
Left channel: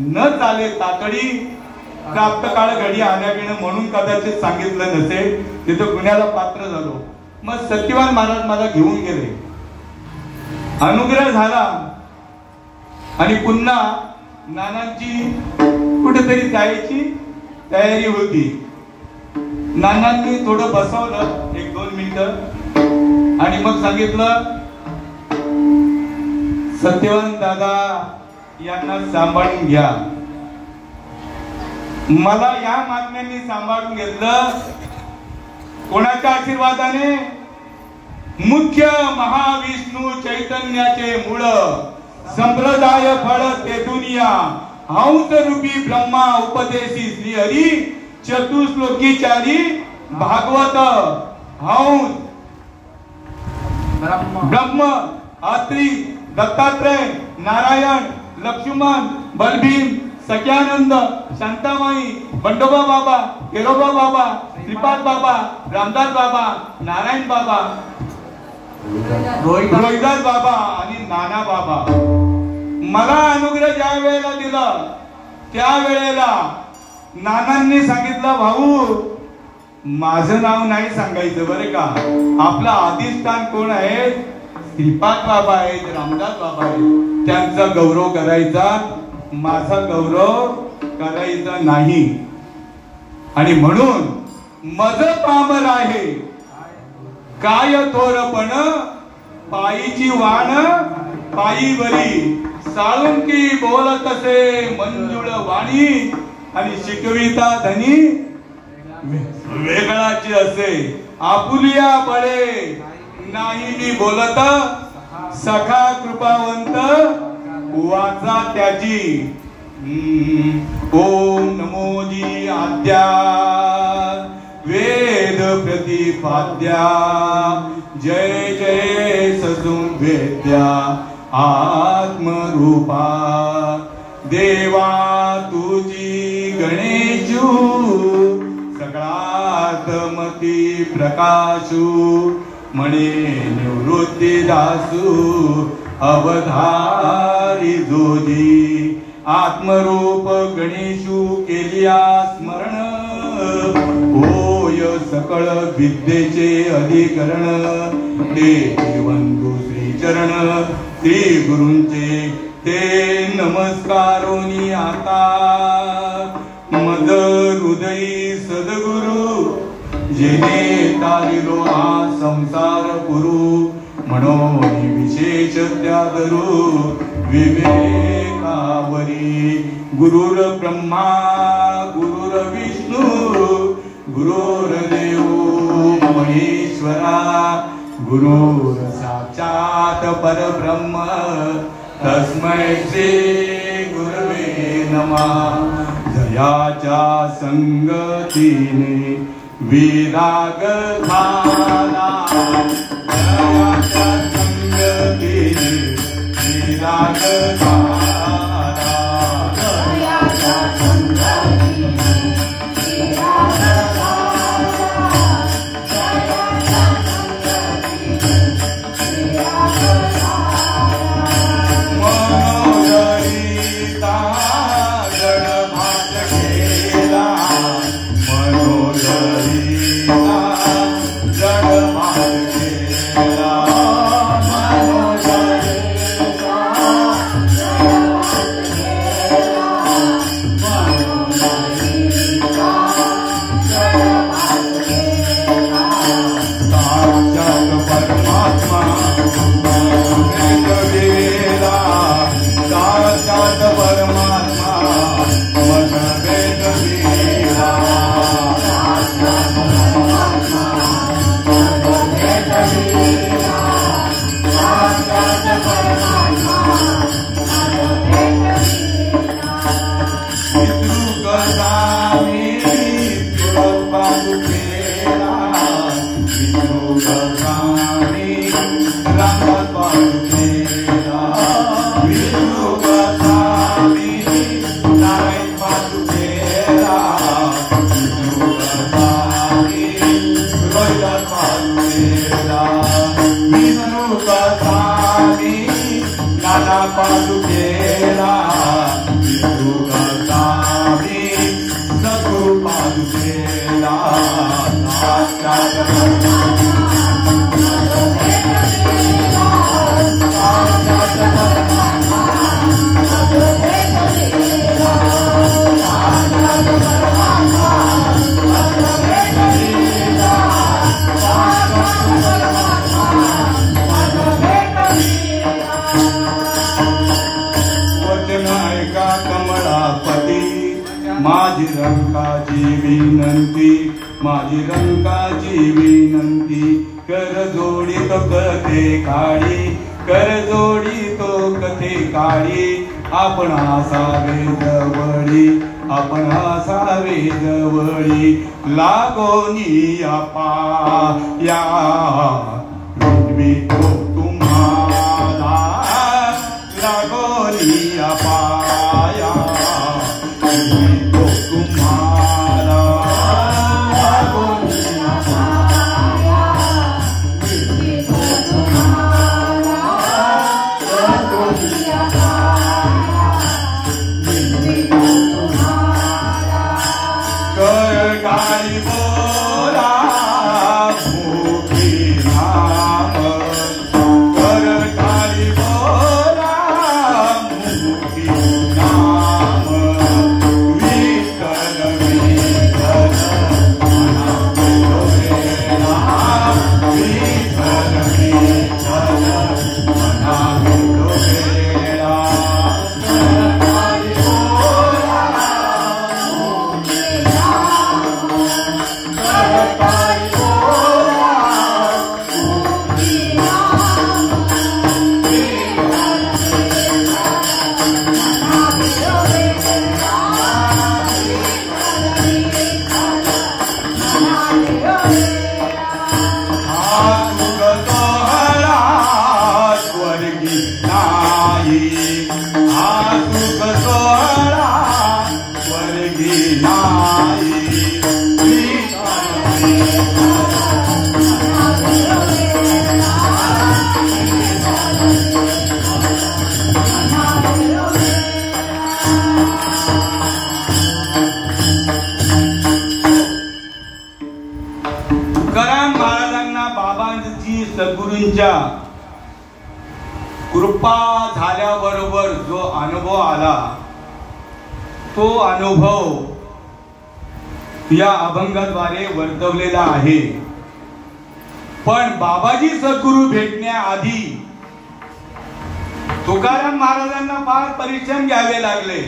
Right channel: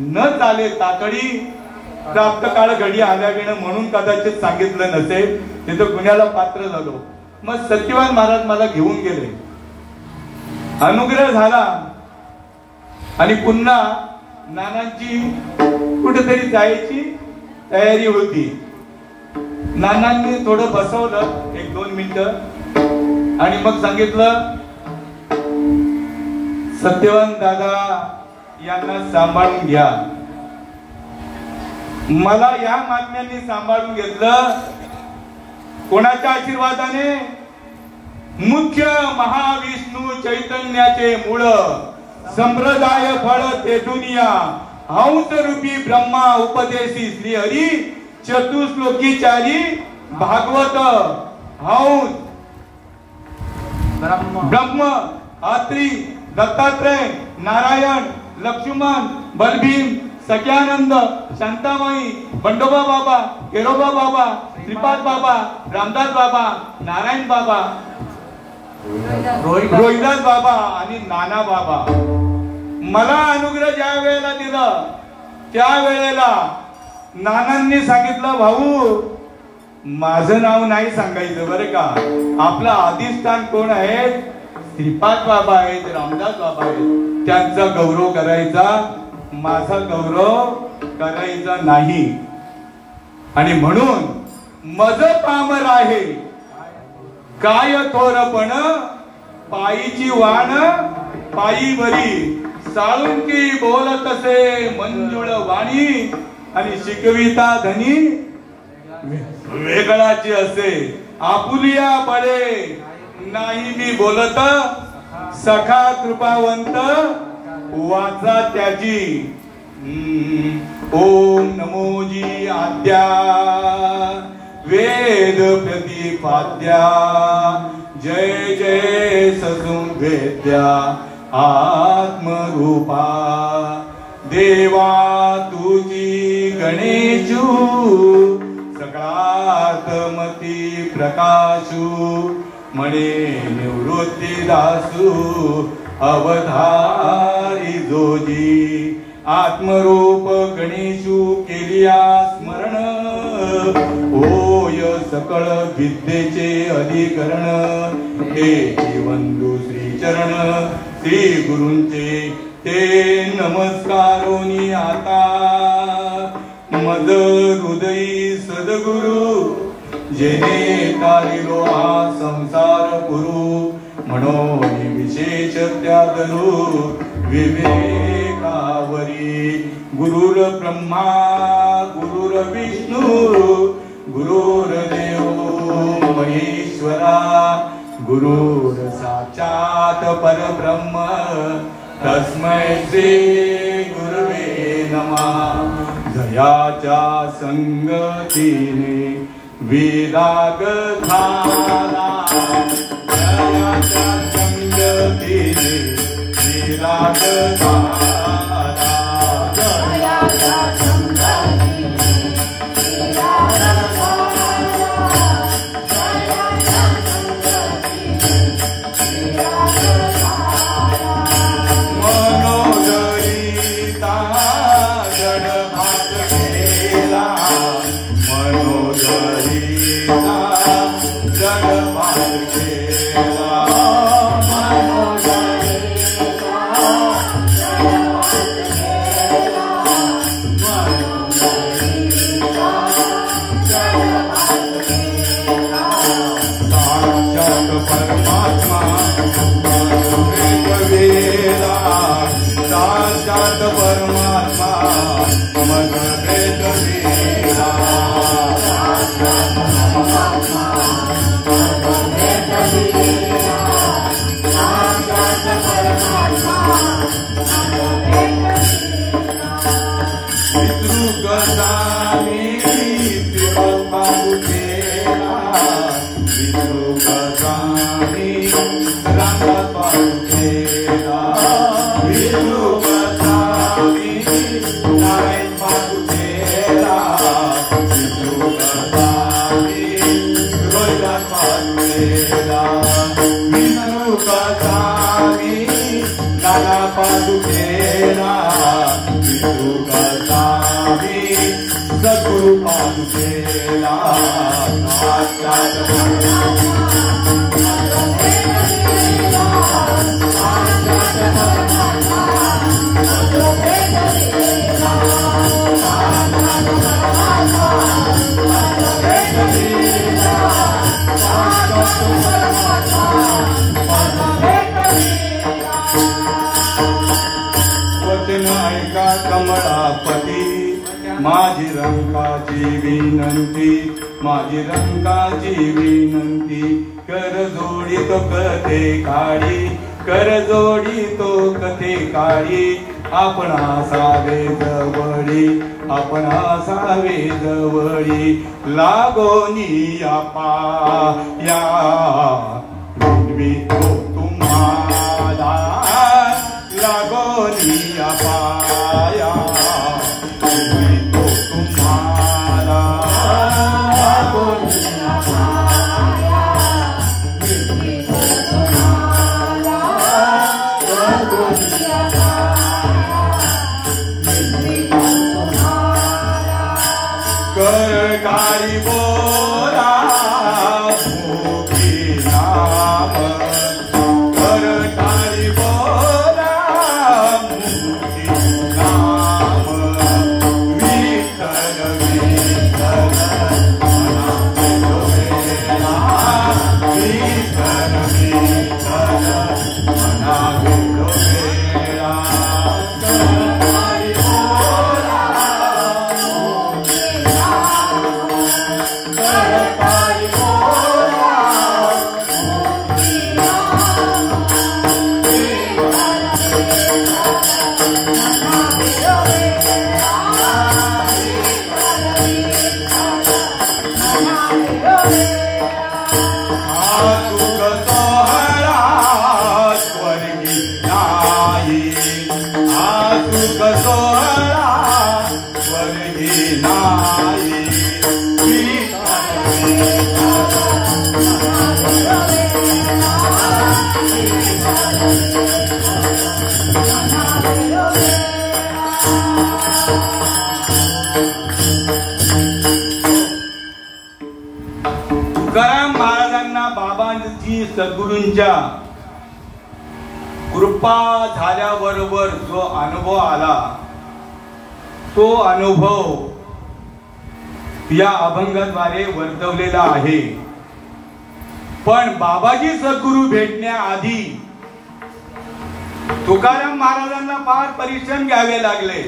न चाले तातडी, प्राप्त काळ घडी आल्याविण, म्हणून कदाचित सांगितलं नसेल, तिथं गुन्ह्याला पात्र झालो. मग सत्यवान महाराज मला घेऊन गेले, अनुग्रह झाला आणि पुन्हा नानांची कुठेतरी जायची तयारी होती. नानांनी थोडं बसवलं 1-2 मिनिटं आणि मग सांगितलं, सत्यवान दादा यांना सांभाळून घ्या. मला या मागण्यांनी सांभाळून घेतलं. कोणाच्या आशीर्वादाने? मुख्य महाविष्णू चैतन्याचे मूळ, संप्रदाय फळ ते दुनिया, हंस रूपी ब्रह्मा उपदेशी श्री हरी, चतुश्लोकी चारी भागवत, हंस ब्रह्म, अत्रि, दत्तात्रय, नारायण, लक्ष्मण, बलभीम, सत्यानंद, शांतामाई, बंडोबा बाबा, केरोबा बाबा, श्रीपाद बाबा, रामदास बाबा, नारायण बाबा, रोहिदास बाबा आणि नाना बाबा. मला अनुग्रह ज्या वेळेला दिला त्या वेळेला नानांनी सांगितलं, भाऊ माझं नाव नाही सांगायचं बरं का, आपलं अधिष्ठान कोण आहे? श्रीपाद बाबा आहेत, रामदास बाबा आहेत, त्यांचा गौरव करायचा, माझा गौरव करायचा नाही. आणि म्हणून मज पामर आहे काय थोरपण, पायीची वाण पायी बरी, साळुंकी बोलत असे मंजुळ वाणी, आणि शिकविता धनी वेगळाची असे, आपुलिया बळे नाही मी बोलत, सखा कृपावंत वाचा त्याची. ओम नमोजी आद्या वेद प्रतिपाद्या, जय जय ससुवेद्या आत्मरूपा, देवा तुझी गणेशू, सगळात्मती प्रकाशू, म्हणे निवृत्ती दासू, अवधारी जोजी, आत्मरूप गणेशू केलिया स्मरण, होय सकळ विद्येचे अधिकरण, ते वंदू श्रीचरण श्री गुरूंचे ते नमस्कारोनी आता, मद हृदयी सद्गुरु, जेने तारिलो हा संसार पुरू, म्हणून विशेष त्यादरू विवेकावरी, गुरुर ब्रह्मा गुरुर विष्णू, गुरुर्देव महेश्वरा, गुरुर साक्षात परब्रह्म, तस्मै श्री गुरवे नमः. जयाच्या संगतीने विराग झाला, जयाच्या संगतीने विराग झाला, जयाच्या संगतीने विराग झाला, जयाच्या संगतीने विराग झाला. मनोदरिता गणभात केला, मनोदरिता गणभात केला, माझी रंकाची विनंती, माझी रंकाची विनंती, कर जोडी तो कथे काळी, कर जोडी तो कथे काळी, आपण असावे जवळी, आपण असावे जवळी, लागोनी पाया विनवितो तुम्हाला, लागोनी पाया विनवितो तुम्हाला, लागोनी सद्गुरूंच्या कृपा झाल्याबरोबर जो अनुभव आला तो अनुभव या अभंगाद्वारे वर्तवलेला आहे. पण बाबाजी सद्गुरू भेटण्याआधी तुकाराम महाराजांना फार परिश्रम घ्यावे लागले.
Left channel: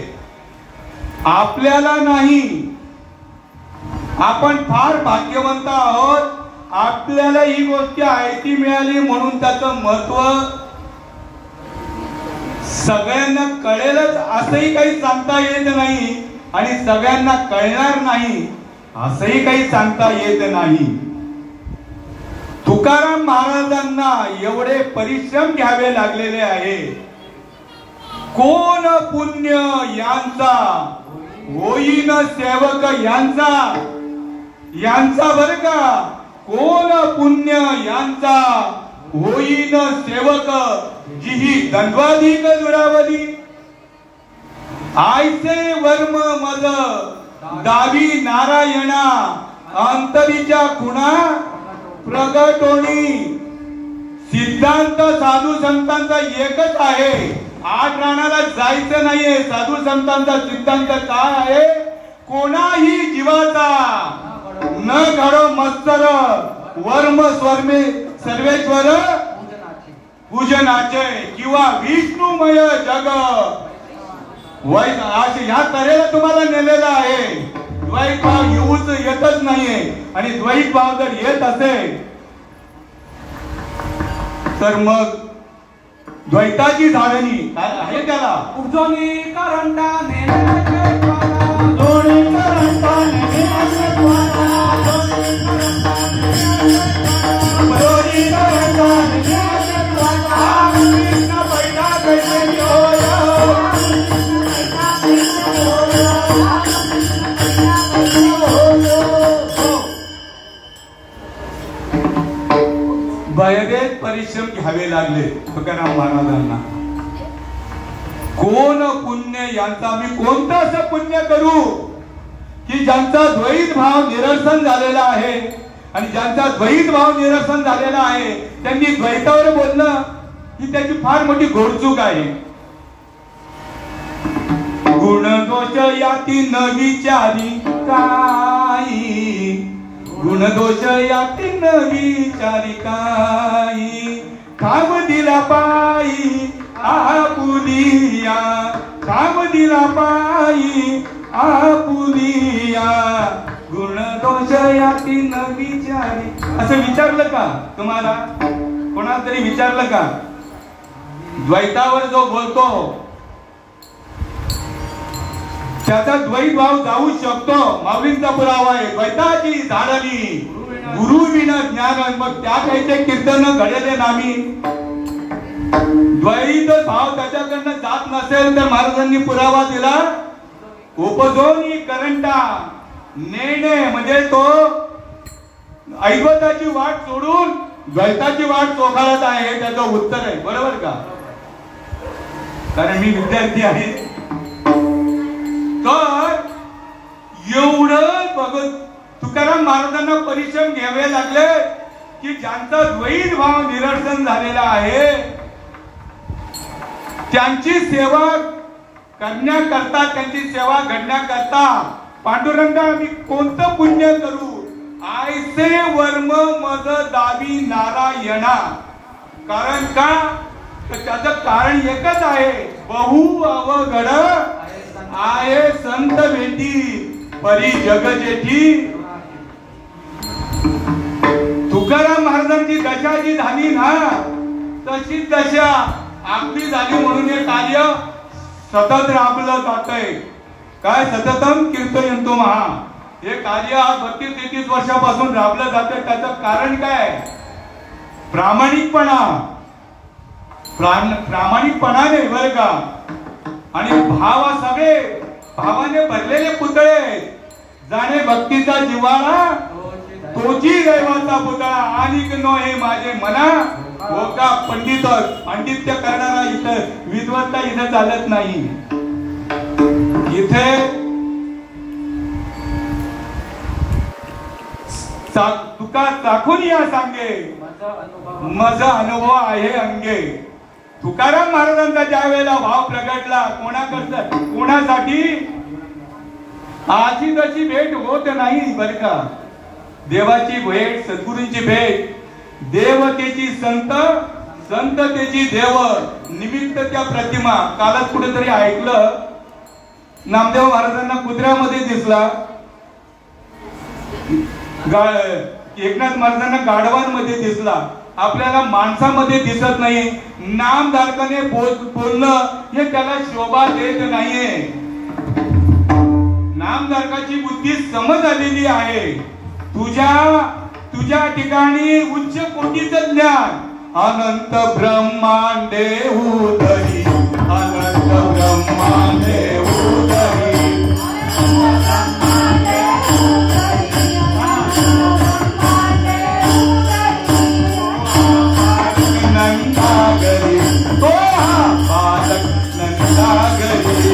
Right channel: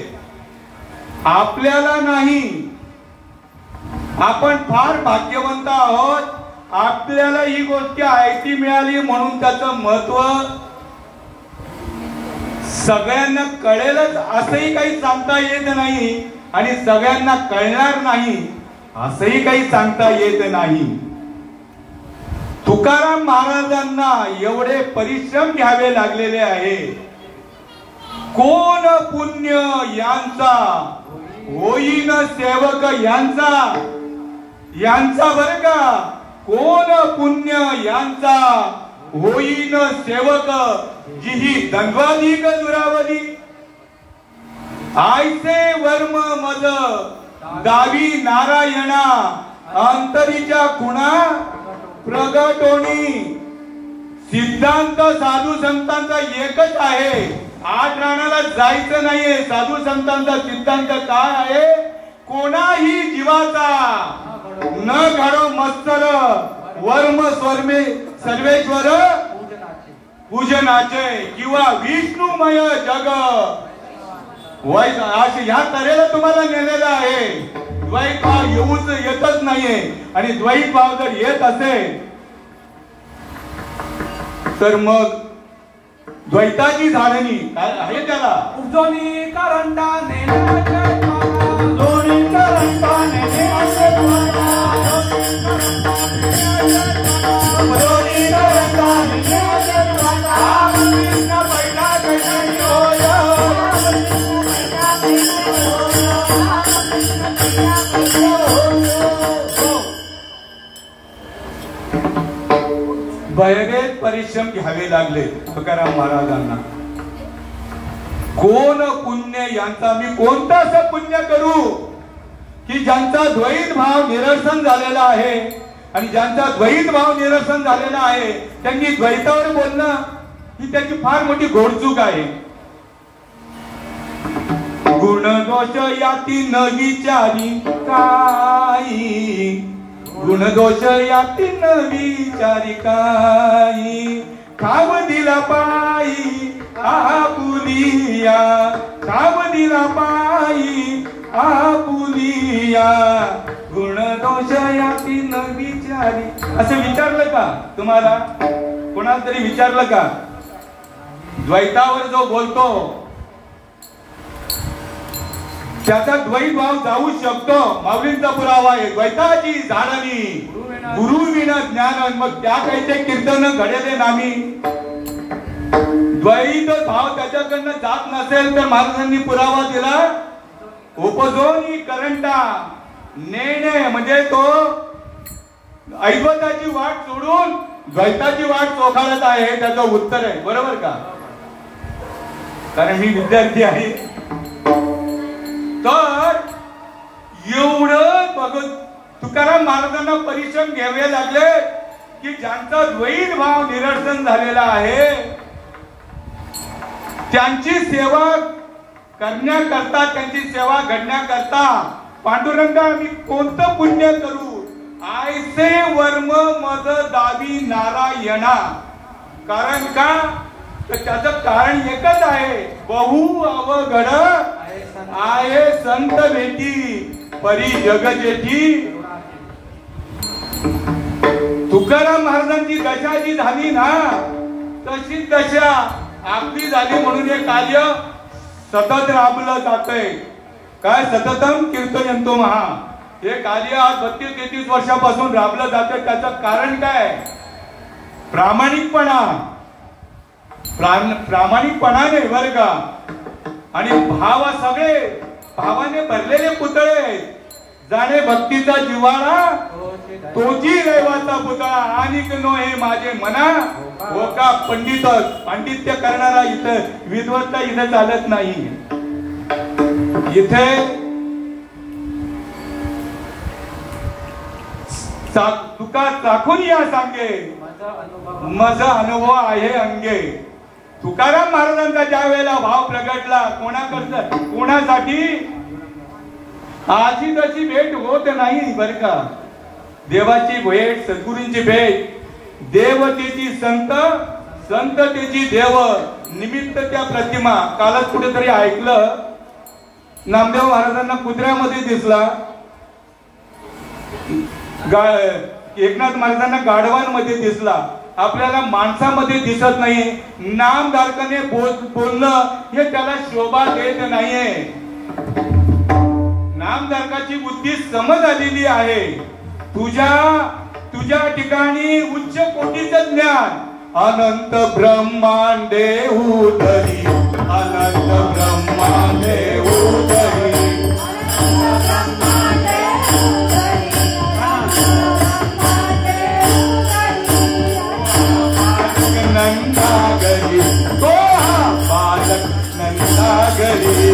आपल्याला नाही, आपण फार भाग्यवंत आहोत, आपल्याला ही गोष्ट आयती मिळाली म्हणून त्याचं महत्व सगळ्यांना कळेलच असंही काही सांगता येत नाही आणि सगळ्यांना कळणार नाही असंही काही सांगता येत नाही. तुकाराम महाराजांना एवढे परिश्रम घ्यावे लागलेले आहे. कोण पुण्य यांचा होईन सेवक यांचा बर का, कोण पुण्य यांचा होईन सेवक, जिही दंडवाधिक दुरावधी, आयसे वर्म मद दावी नारायणा, अंतरीच्या खुणा प्रगटोणी. सिद्धांत साधू संतांचा एकच आहे, आठ राणाला जायचं नाहीये. साधू संतांचा सिद्धांत काय आहे, कोणाही जीवाचा न घडो मत्सर, वर्म स्वर्मे सर्वेश्वर पूजनाचे, किंवा विष्णुमय जग. ह्या तऱ्हेला तुम्हाला नेलेला आहे. द्वैत भाव येतच नाहीये, आणि द्वैत भाव जर येत असेल तर मग द्वैताची धारणी काय आहे त्याला. उजोनी करंटाने भयभेद परिश्रम घ्यावे लागले तुकाराम महाराजांना. कोण पुण्य यांचा, मी कोणतं असं पुण्य करू की ज्यांचा द्वैत भाव निरसन झालेला आहे आणि ज्यांचा द्वैत भाव निरसन झालेला आहे त्यांनी द्वैतावर बोलणं ही त्याची फार मोठी घोडचूक आहे. गुण दोष याती न विचारी काही, गुण दोष याती न विचारी काही, ठाव दिला पायी आपुलिया, ठाव दिला पायी आपुलिया, गुण दोष याती न विचारी. असं विचारलं का तुम्हाला? कोणाला तरी विचारलं का? द्वैतावर जो बोलतो त्याचा द्वैत भाव जाऊ शकतो. माऊलींचा पुरावा आहे द्वैताची झाडानी गुरु विना ज्ञान. मग त्या काहीचे कीर्तन घडले नामी. द्वैत भाव त्याच्याकडनं जात नसेल तर महाराजांनी पुरावा दिला उपजोनी करंटा नेणे, म्हणजे तो ऐवताची वाट सोडून द्वैताची वाट चोखाळत आहे. हे त्याचं उत्तर आहे. बरोबर का? कारण मी विद्यार्थी आहे. तर एवढं बघत तुकाराम महाराजांना परिश्रम घ्यावे लागले की ज्यांचा द्वैत भाव निरसन झालेला आहे त्यांची सेवा करण्याकरता, त्यांची सेवा घडण्याकरता पांडुरंगा आम्ही कोणतं पुण्य करू, आयसे वर्म मज दावी नारायणा. कारण का? तर त्याचं कारण एकच आहे. बहु अवघड आहे संत भेटी परी जग जेठी. तुकाराम महाराजांची दशा जी झाली ना तशीच दशा आपली झाली. म्हणून हे कार्य सतत राबलं जातंय. काय? सततम कीर्तयन्तु महा. हे कार्य आज 32-33 वर्षापासून राबलं जातं. त्याचं कारण काय? प्रामाणिकपणा. प्रामाणिकपणाने बरं का. आणि भावा सगळे भावाने भरलेले पुतळे. जाणे भक्तीचा जिव्हाळा तोची देवाचा पुतळा. आणि नो हे माझे मना हो का. पांडित्य करणारा इथं विद्वत्ता इथं चालत नाही. इथे तुका चाकून या सांगे माझा अनुभव आहे अंगे. तुकाराम महाराजांचा ज्या वेळेला भाव प्रगटला कोणाकडचा कोणासाठी आजी तशी भेट होत नाही बर का. देवाची भेट, सद्गुरूंची भेट, देवतेची संत, संततेची देव, निमित्त त्या प्रतिमा. कालच कुठेतरी ऐकलं नामदेव महाराजांना कुत्र्यामध्ये दिसला, एकनाथ महाराजांना गाढवांमध्ये दिसला. आपल्याला माणसामध्ये दिसत नाही. नामधारकाने बोलणं हे त्याला शोभा देत नाहीये. नामधारकाची बुद्धी समज आलेली आहे. तुझ्या ठिकाणी उच्च कोटीचं ज्ञान. अनंत ब्रह्मांडे उदरी, अनंत ब्रह्मांडे उदरी, नंदागरी तो बालक नंदागरी.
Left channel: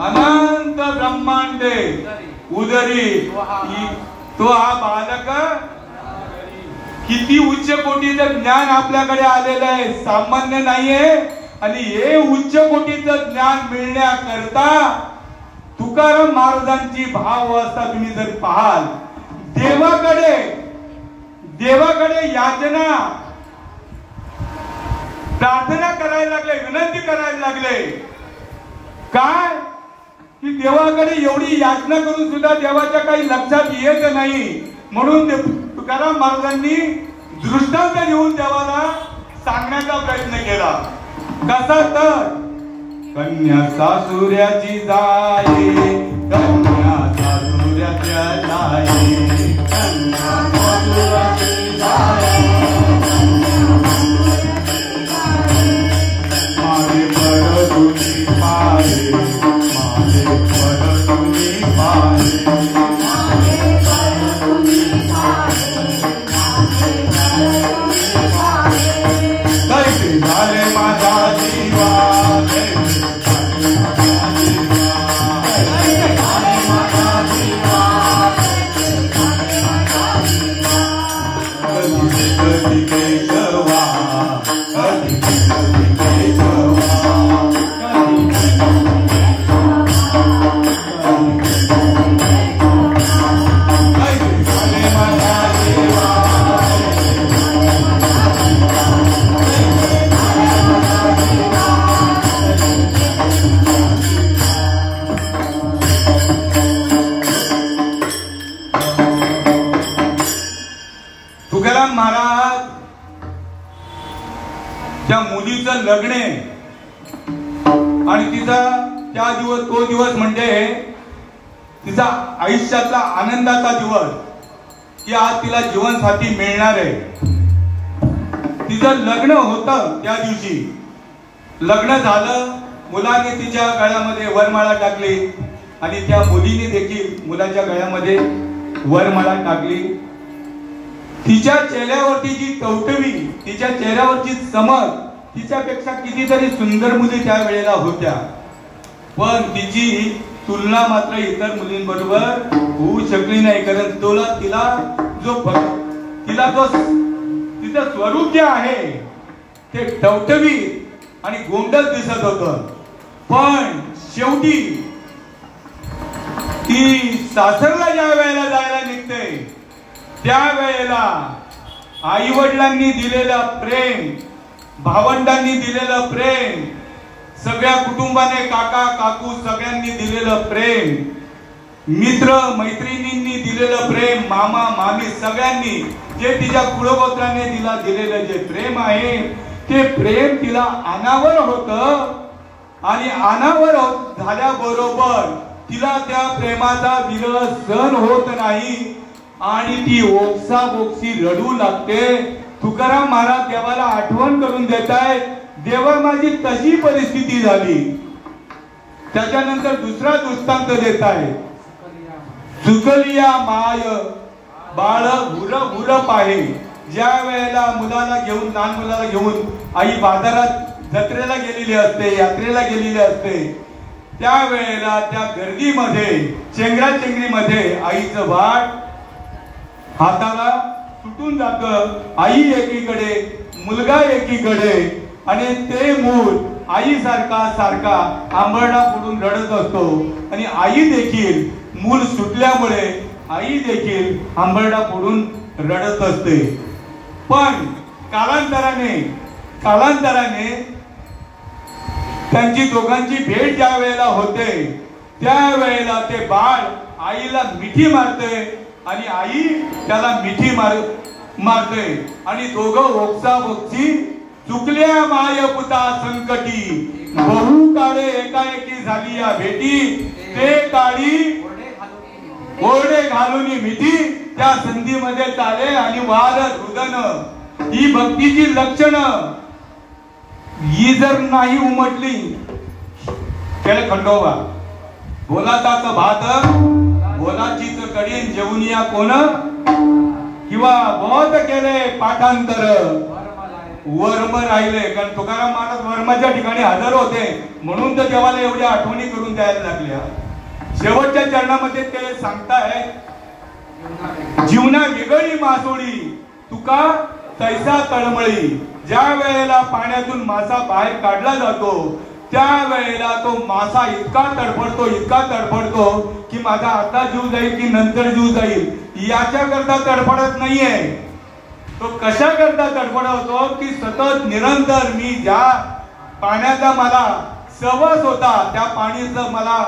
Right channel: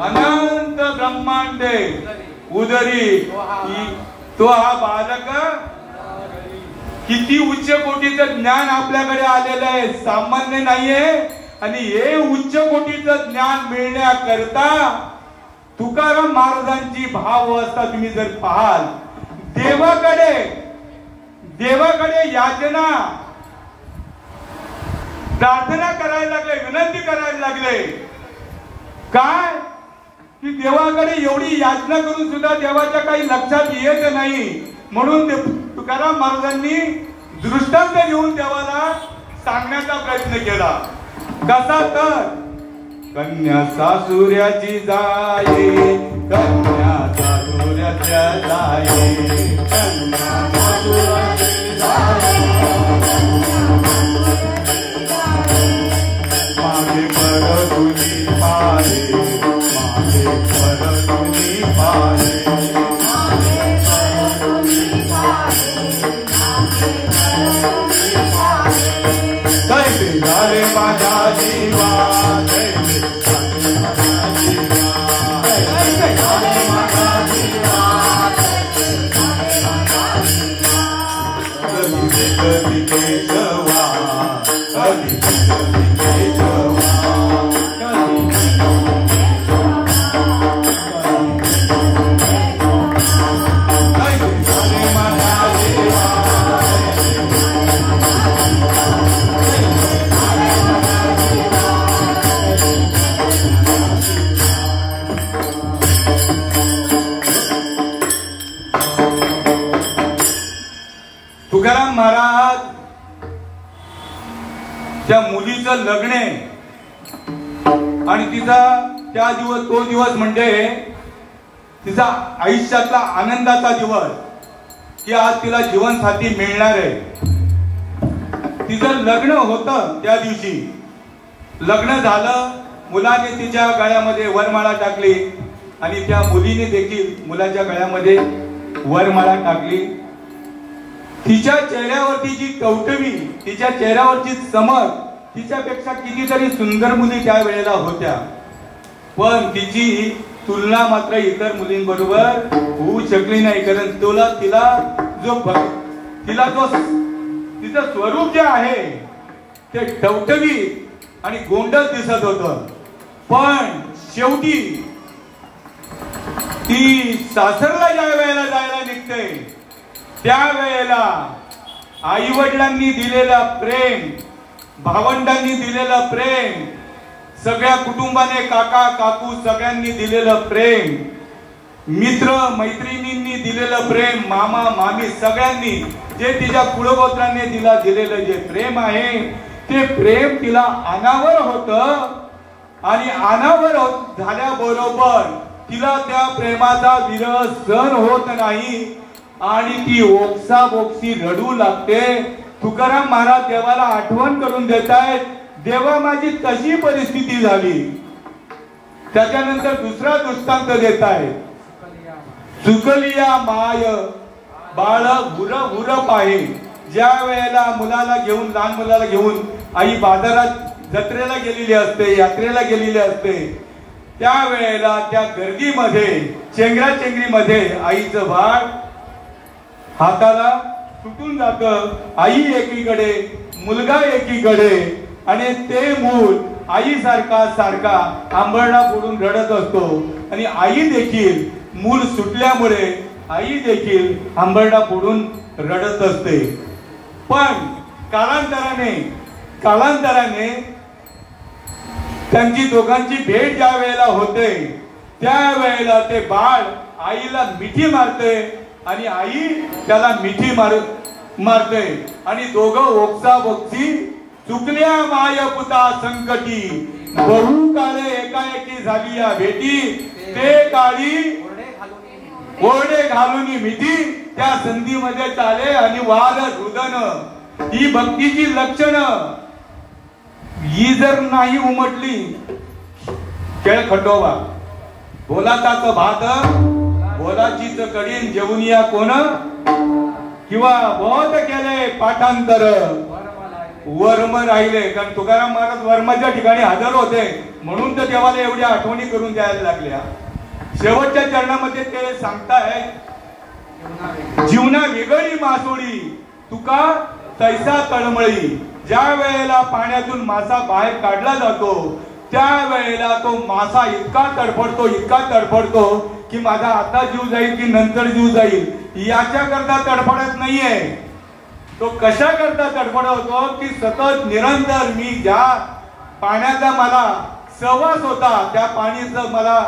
अनंत ब्रह्मांडे उदरी. तो हा बालक किती उच्च कोटीचं ज्ञान आपल्याकडे आलेलं आहे. सामान्य नाहीये. आणि हे उच्च कोटीचं ज्ञान मिळण्याकरता तुकाराम महाराजांची भाव अवस्था तुम्ही जर पाहाल, देवाकडे याचना प्रार्थना करायला लागले, विनंती करायला लागले. काय की देवाकडे एवढी याचना करून सुद्धा देवाच्या काही लक्षात येत नाही. म्हणून तुकाराम महाराजांनी दृष्टांत देऊन देवाला सांगण्याचा प्रयत्न केला. कसा? तर कन्या सासुऱ्याची जाई, कन्या सासुऱ्याच्या जाई, कन्या सासुऱ्याची जाई, माझे परतुनी पाहे, माझे परतुनी पाहे, कैसे झाले माझ्या जीवा, तुकाराम महाराज त्या मुलीचं लग्न आणि तिचा तो दिवस म्हणजे तिचा आयुष्यातला आनंदाचा दिवस की आज तिला जीवनसाथी मिळणार आहे. तिचं लग्न होतं त्या दिवशी. लग्न झालं, मुलाने तिच्या गळ्यामध्ये वरमाळा टाकली आणि त्या मुलीने देखील मुलाच्या गळ्यामध्ये वरमाळा टाकली. तिच्या चेहऱ्यावरची जी टवटवी, तिच्या चेहऱ्यावरची चमक, तिच्यापेक्षा कितीतरी सुंदर मुली त्या वेळेला होत्या. पण तिची तुलना मात्र इतर मुलींबरोबर होऊ शकली नाही. कारण तिचं स्वरूप जे आहे ते टवटवी आणि गोंडस दिसत होतं. पण शेवटी ती सासरला ज्या वेळेला जायला निघते त्या वेळेला आई वडिलांनी दिलेलं प्रेम, भावंडांनी दिलेलं प्रेम, सगळ्या कुटुंबाने काका काकू सगळ्यांनी दिलेलं प्रेम, मित्र मैत्रिणींनी दिलेलं प्रेम, मामा मामी सगळ्यांनी जे तिच्या कुळगोत्राने तिला दिलेलं जे प्रेम आहे ते प्रेम तिला अनावर होतं. आणि अनावर झाल्याबरोबर तिला त्या प्रेमाचा विरह सहन होत नाही आणि ती ओक्साबोक्सी रडू लागते. तुकाराम महाराज देवाला आठवण करून देतायत, देवा माझी तशी परिस्थिती झाली. त्याच्यानंतर दुसरा दृष्टांत देत आहे, चुकलिया माय बाळ हुर हुर पाहे. ज्या वेळेला मुलाला घेऊन, लहान मुलाला घेऊन आई बाजारात जत्रेला गेलेली असते, यात्रेला गेलेली असते, त्या वेळेला त्या गर्दीमध्ये चेंगराचेंगरीमध्ये आईचं बाळ हाताला सुटून जात. आई एकीकडे, मुलगा एकीकडे आणि ते मूल आई सारखा आंबरडा फोडून रडत असतो. आणि आई देखील मूल सुटल्यामुळे आई देखील आंबरडा फोडून रडत असते. पण कालांतराने त्यांची दोघांची भेट ज्या वेळेला होते त्या वेळेला ते बाळ आईला मिठी मारते आणि आई त्याला मिठी मारते आणि दोघं ओक्साबोक्सी. चुकल्या माय पुता संकटी, बहु काळे एकाएकी झाली या भेटी, ते काळी ओरडे घालून मिठी. त्या संधीमध्ये चाले आणि वाद रुदन. ही भक्तीची लक्षणं ही जर नाही उमटली, खेळ खंडोबा बोलाताच भात बोलाचीच कडीन जेवून या कोण, किंवा बहुत केले पाठांतर वर्म राहिले. कारण तुकाराम महाराज वर्माच्या ठिकाणी हजर होते म्हणून तर देवाला एवढ्या आठवणी करून द्यायला लागल्या. शेवटच्या चरणामध्ये ते सांगताय, जीवना वेगळी मासोळी तुका तैसा तळमळी. ज्या वेळेला पाण्यातून मासा बाहेर काढला जातो त्या वेळेला तो मासा इतका तडफडतो की माझा आता जीव जाईल की नंतर जीव जाईल याच्याकरता तडफडत नाहीये. तो कशा करता तडफडतो की सतत निरंतर मी ज्या पाण्याचा मला सहवास होता त्या पाणीचं मला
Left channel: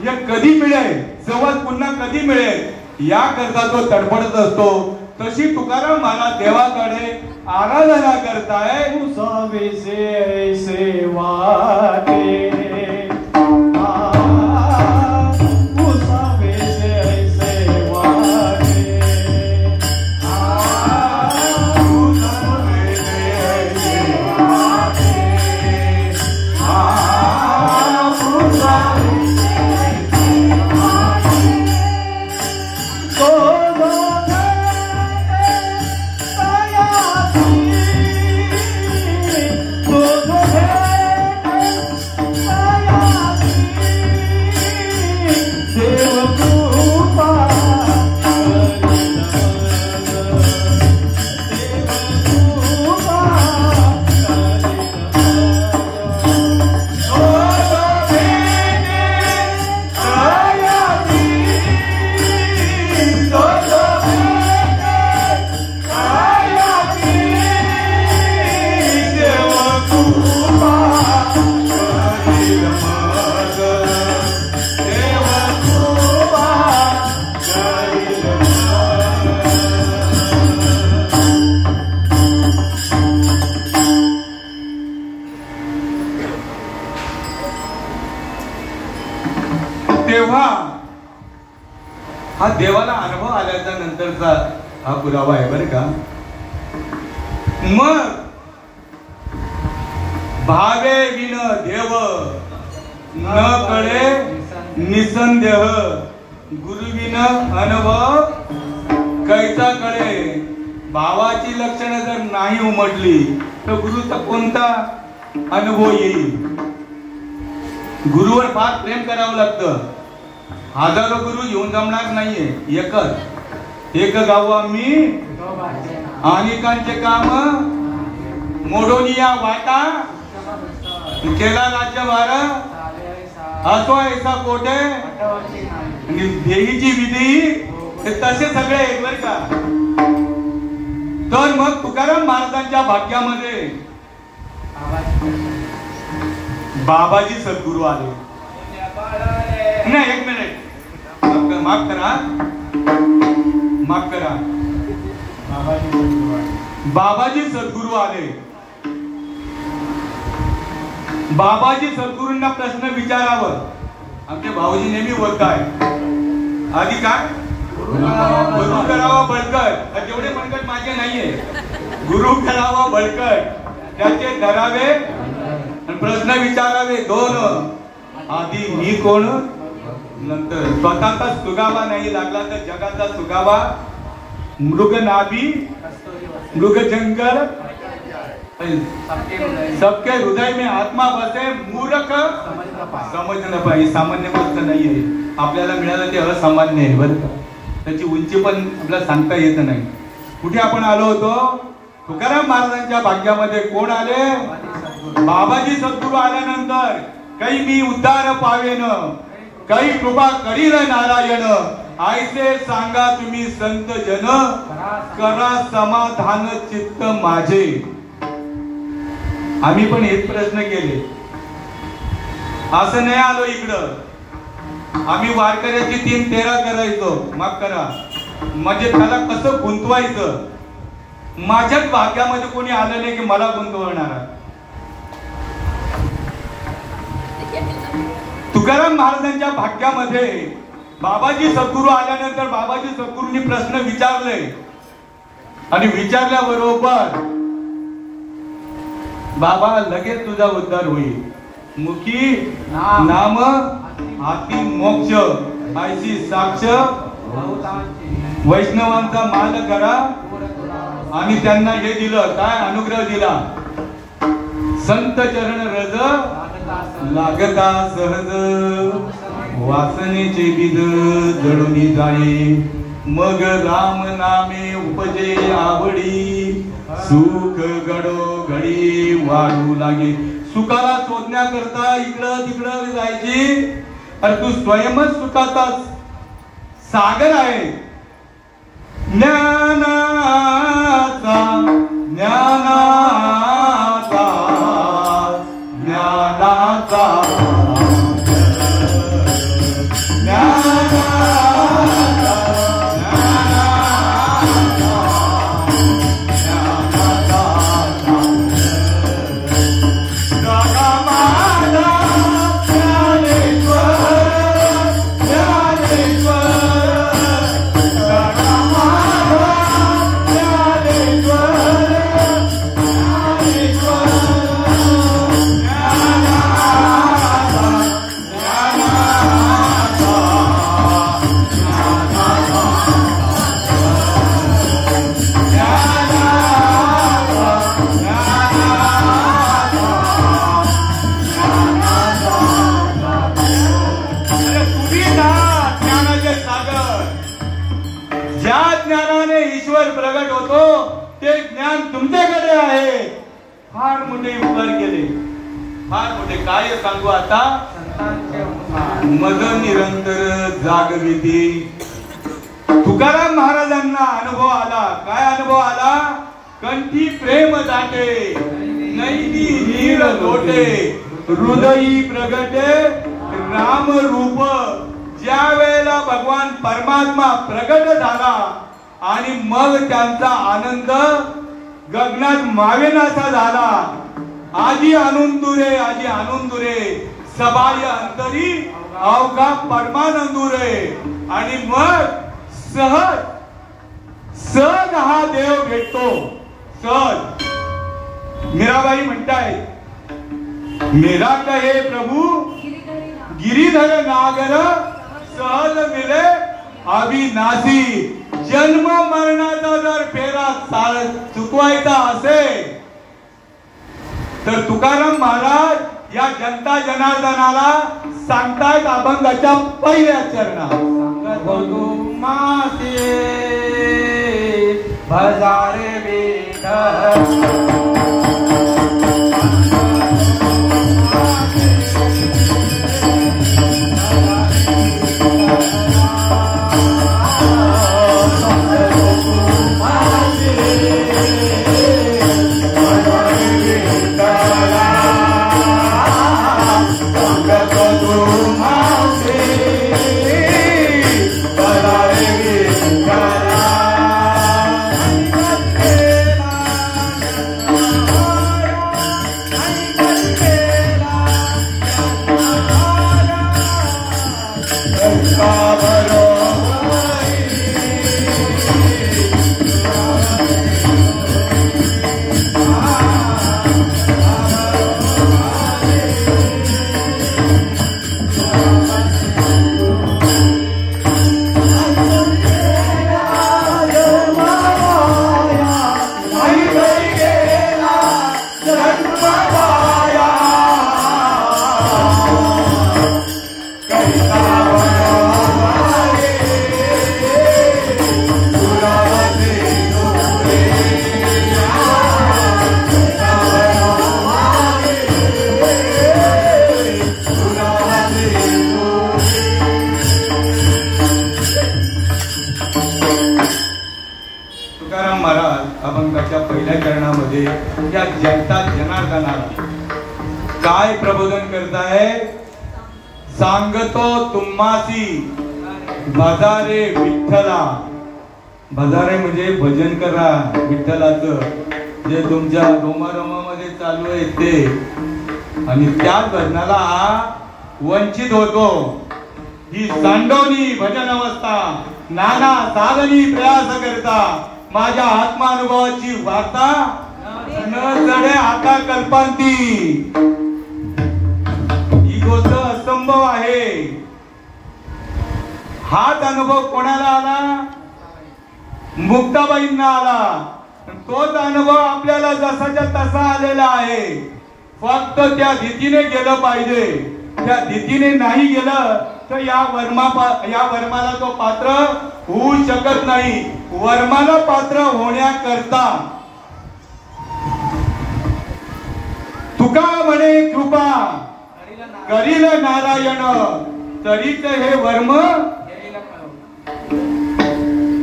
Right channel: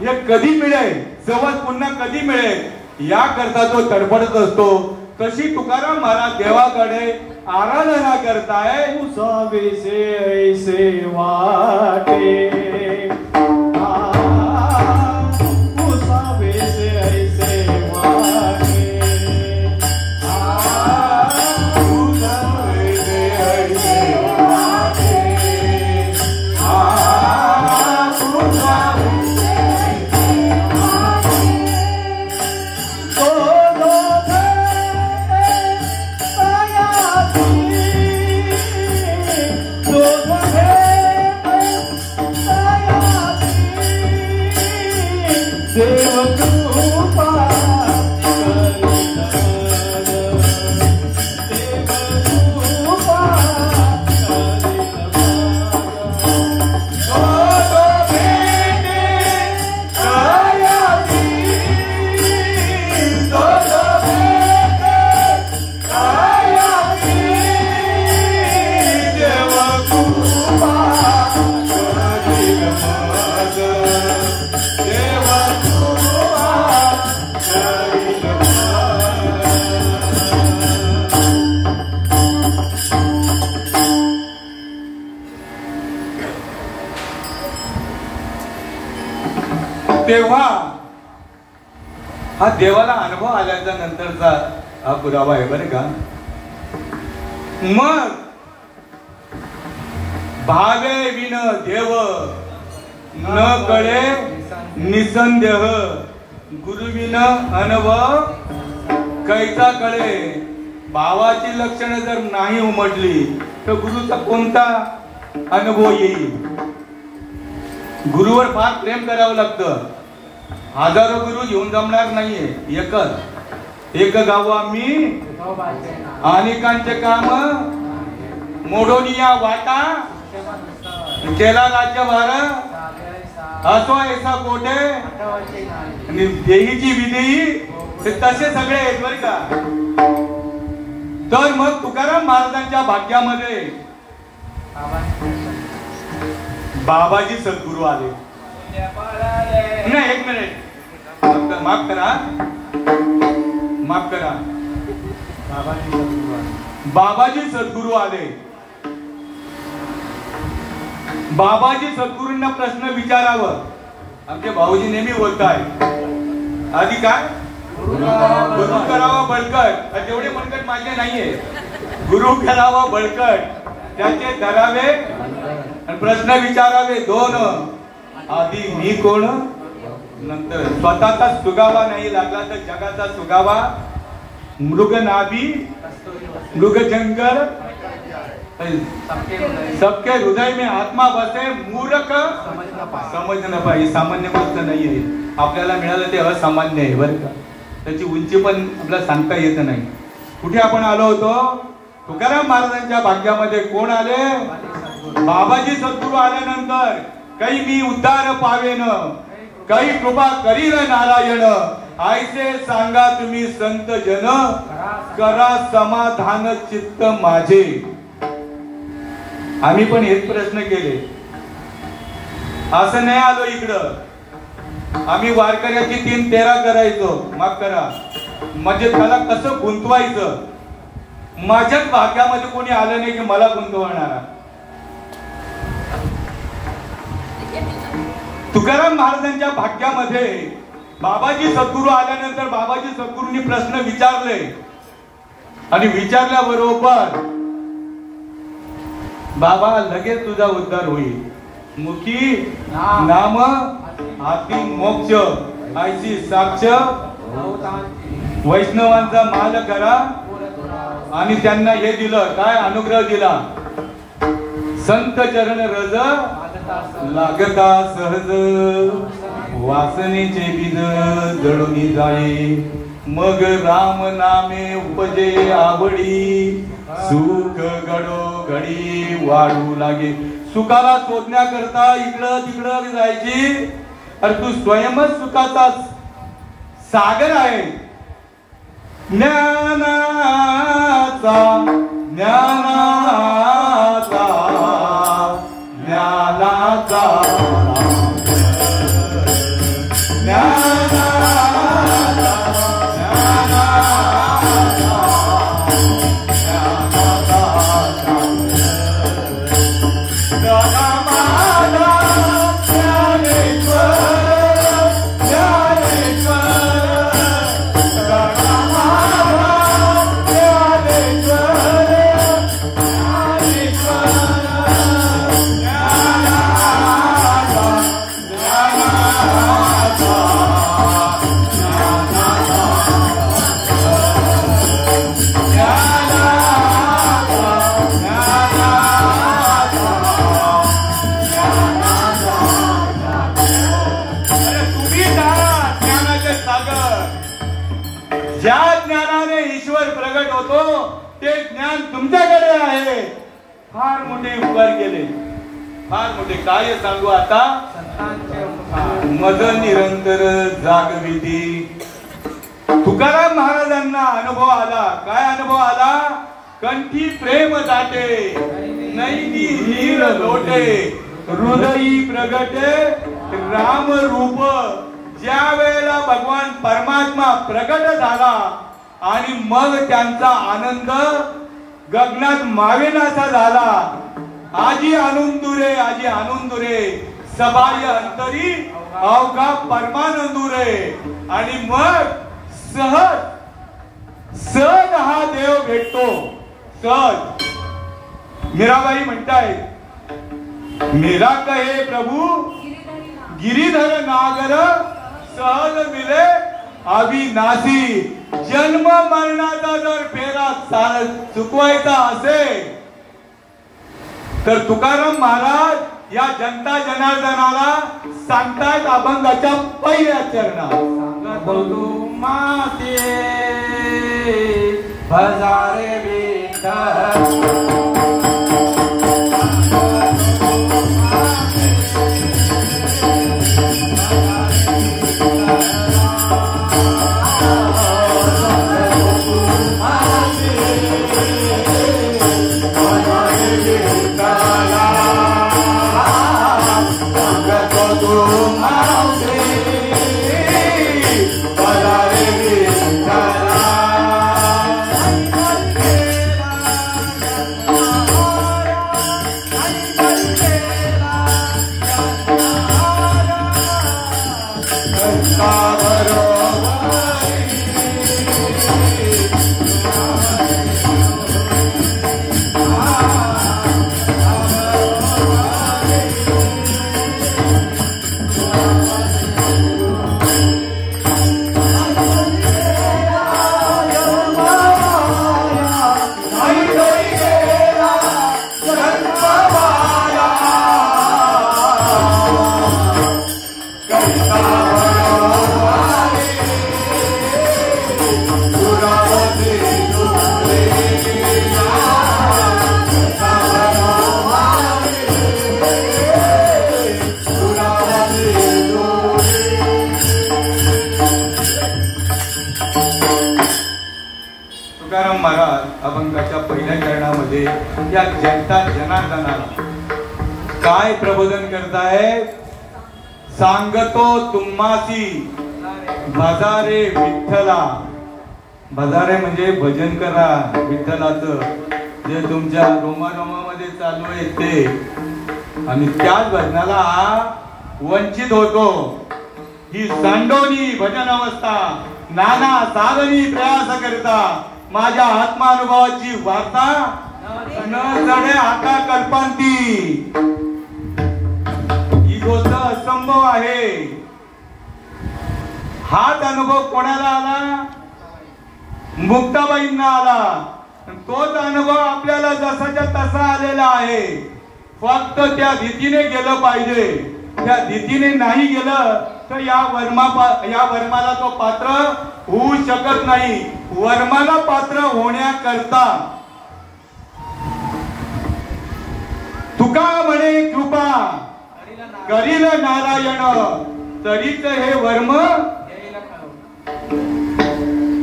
हे कधी मिळेल, सहवास पुन्हा कधी मिळेल या करता तो तडफडत असतो. तशी तुकाराम महाराज देवाकडे आराधना करताय. ऐसे वाटे तेव्हा हा देवाला अनुभव आल्याच्या नंतरचा हा पुरावा आहे बरं का. मग भावे विन देव न कळे निसंदेह गुरुविन अनुभव कैचा कळे. भावाची लक्षणं जर नाही उमटली तर गुरुचा कोणता अनुभव येईल. गुरुवर फार प्रेम करावं लागतं. हजारो गुरु येऊन जमणार नाहीये. एक गाव आम्ही अनेकांचे काम मोडोनी या वाटा केला राज्यभार असो ऐसा कोठे देहीची विधी तसे सगळे आहेत बरं का. तर मग तुकाराम महाराजांच्या भाग्यामध्ये बाबाजी सद्गुरू आले. नाही, एक मिनिट माफ करा. बाबाजी सद्गुरू आले. बाबाजी सद्गुरूंना प्रश्न विचारावं. आमचे भाऊजी नेहमी बोलताय आधी काय गुरु करावा बळकट. तेवढे मनकट माझे नाहीये. गुरु करावा बळकट त्याचे धरावे आणि प्रश्न विचारावे दोन. आधी मी कोण नंतर स्वतःचा सुगावा नाही लागला तर जगाचा सुगावा. मृग नाभी मृग जंगल सबके हृदय में आत्मा बसे मूर्ख समज न पाहिजे. सामान्य गोष्ट नाहीये. आपल्याला मिळालं ते असामान्य आहे बरं का. त्याची उंची पण आपल्याला सांगता येत नाही. कुठे आपण आलो होतो. तुकाराम महाराजांच्या भाग्यामध्ये कोण आले. बाबाजी सद्गुरू आल्यानंतर काही मी उद्धार पावेन काही कृपा करीन नारायण. आयसे सांगा तुम्ही संत जन करा समाधान चित्त माझे. आम्ही पण हेच प्रश्न केले. असं नाही आलो इकडं. आम्ही वारकऱ्याची 3-13 करायचो. माफ करा. म्हणजे त्याला कसं गुंतवायचं. माझ्याच भाग्यामध्ये कोणी आलं नाही की मला गुंतवणारा. तुकाराम महाराजांच्या भाग्यामध्ये बाबाजी सद्गुरू आल्यानंतर बाबाजी सद्गुरूंनी प्रश्न विचारले आणि विचारल्याबरोबर बाबा लगेच तुझा उद्धार होईल. मुखी नाम हाती मोक्ष आयसी साक्ष वैष्णवांचा माल करा. आणि त्यांना हे दिलं काय अनुग्रह दिला. संत चरण रज लागता सहज वासनेचे बीज जळून जाई. मग राम नामे उपजे आवडी सुख घडो घडी वाढू लागे. सुखाला शोधण्याकरता इकडं तिकडं जायची. अरे तू स्वयंच सुखाचा सागर आहे. ज्ञानाचा काय सांगू आता. मग निरंतर जागविधी. तुकाराम महाराजांना अनुभव आला. काय अनुभव आला. कंठी प्रेम दाटे नैनी नीर लोटे हृदयी प्रगटे राम रूप. ज्या वेळेला भगवान परमात्मा प्रगट झाला आणि मग त्यांचा आनंद गगनात मावेनासा झाला. आजी आनंदुरे सबाय अंतरी अवघा परमानंदुरे. आणि मग सहज सहज हा देव भेटतो. सहज मीराबाई म्हणतायत, मेरा कहे प्रभु गिरीधर नागर सहज मिले अविनाशी. जन्म मरणाचा जर फेरा चुकवायचा असेल तर तुकाराम महाराज या जनता जनार्दनाला सांगतायत अभंगाच्या पहिल्या चरणात, माते भजारे विठ्ठल. अभंगाच्या पहिल्या चरणामध्ये या जनता जनार्दनाला काय प्रबोधन करताय? सांगतो तुम्हासी भजारे विठ्ठला. भजारे म्हणजे भजन करा विठ्ठलाचं, जे तुमच्या रोमारोमामध्ये चालू आहे ते. आणि त्याच भजनाला हा वंचित होतो. ही सांडोनी भजन अवस्था नाना साधनी प्रयास करता. माझ्या आत्मानुभवाची वार्ता न चढ्या हाता कल्पांती. इगोचा असंभव आहे. हाच अनुभव कोणाला आला? मुक्ताबाईंना आला. तोच अनुभव आपल्याला जसाच्या तसा आलेला आहे. फक्त त्या रीतीने गेलं पाहिजे. त्या रीतीने नाही गेलं तर या वर्माला तो पात्र होऊ शकत नाही. वर्माला पात्र होण्याकरता तुका म्हणे कृपा करील नारायण, तरीच हे वर्म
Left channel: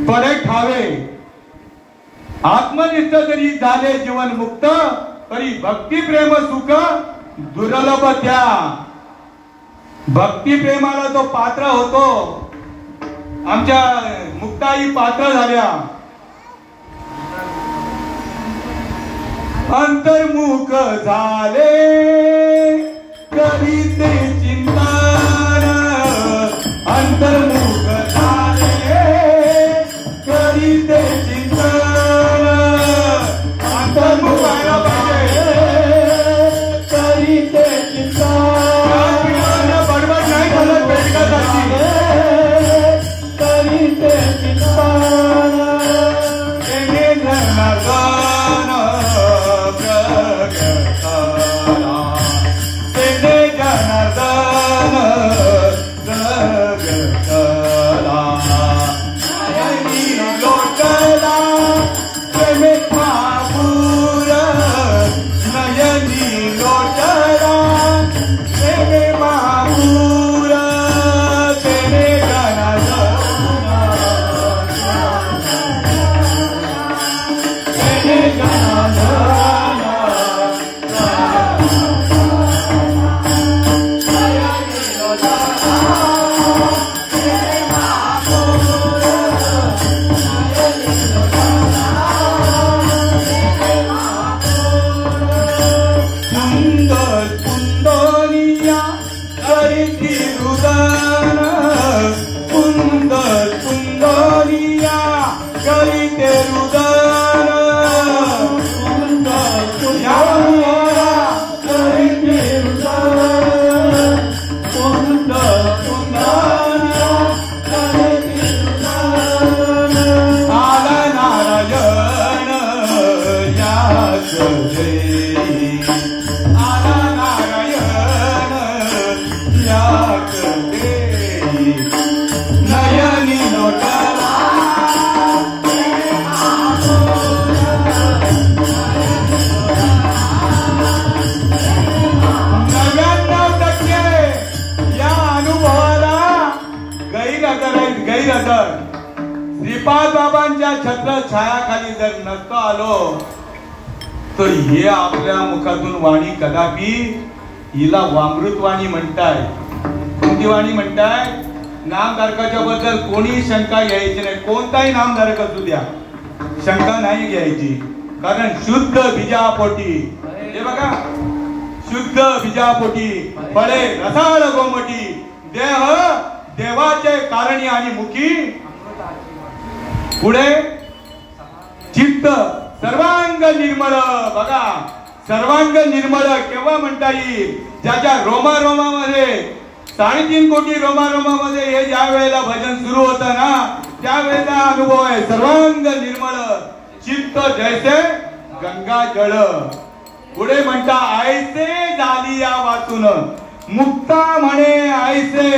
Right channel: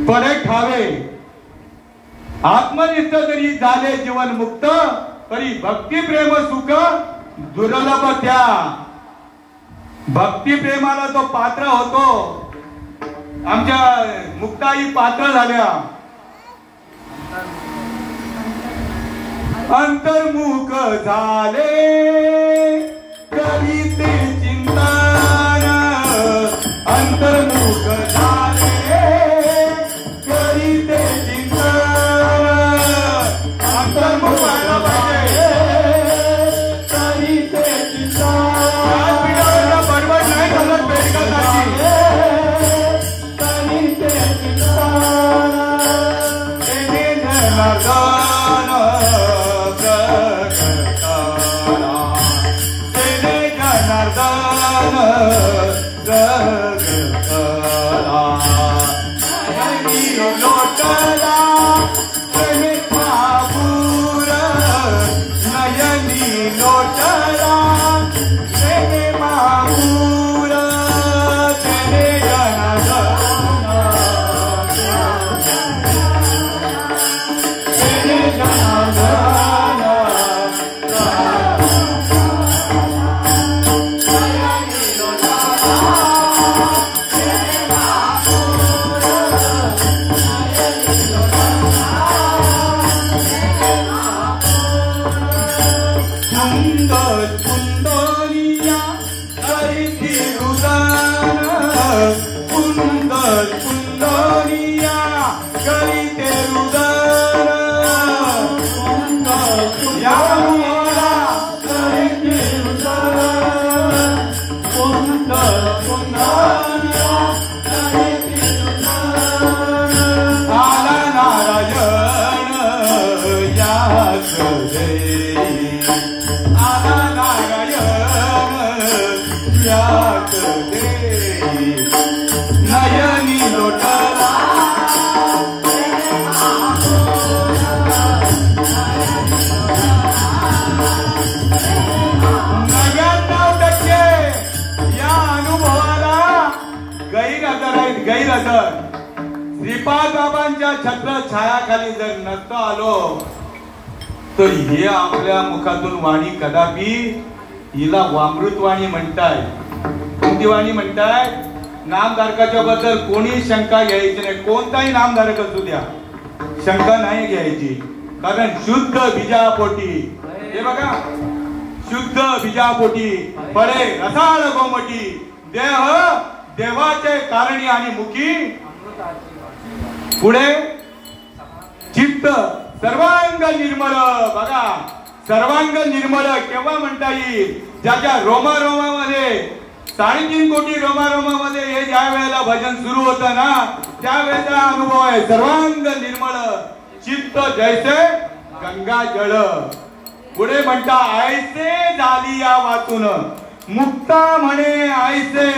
परत ठावे. आत्मनिष्ठ जरी झाले जीवन मुक्त, तरी भक्ती प्रेम सुख दुर्लभ त्या. भक्ती प्रेमाला जो पात्र होतो, आमच्या मुक्ताई पात्र झाल्या. अंतर्मुख झाले तरी ते चिंतन. अंतर्मुख झाले तरी ते चिंतन. अंतर्मुख झाले तरी ते चिंतन. जनार्दन सुंदर सुंदरिया करीते रुदन या मोरा करीते रुदन सुंदर सुंदरिया करीते रुदन आला नारायण या करे आला नारायण या करे नयनी लोटला या अनुभवाला गैरहजर श्रीपाद बाबांच्या छत्र छायाखाली जर नसतो आलो तर हे आपल्या मुखातून वाणी कदापि हिला वामृत वाणी म्हणताय. कोणती वाणी म्हणताय? नामधारकाच्या बद्दल कोणी शंका घ्यायची नाही. कोणताही नामधारक असू द्या, शंका नाही घ्यायची. कारण शुद्ध बीजापोटी, हे बघा, शुद्ध बीजापोटी फळे रसाळ गोमटी देह देवाचे कारणी आणि मुखी पुढे चित्त सर्वांग निर्मळ. बघा, सर्वांग निर्मळ केव्हा म्हणता येईल? ज्याच्या रोमारोमामध्ये 3.5 कोटी रोमारोमामध्ये हे ज्या वेळेला भजन सुरू होतं ना त्यावेळेचा अनुभव आहे. सर्वांग निर्मळ चित्त जैसे गंगा जळ. पुढे म्हणता आयसे झाली या वाचून मुक्ता म्हणे आयसे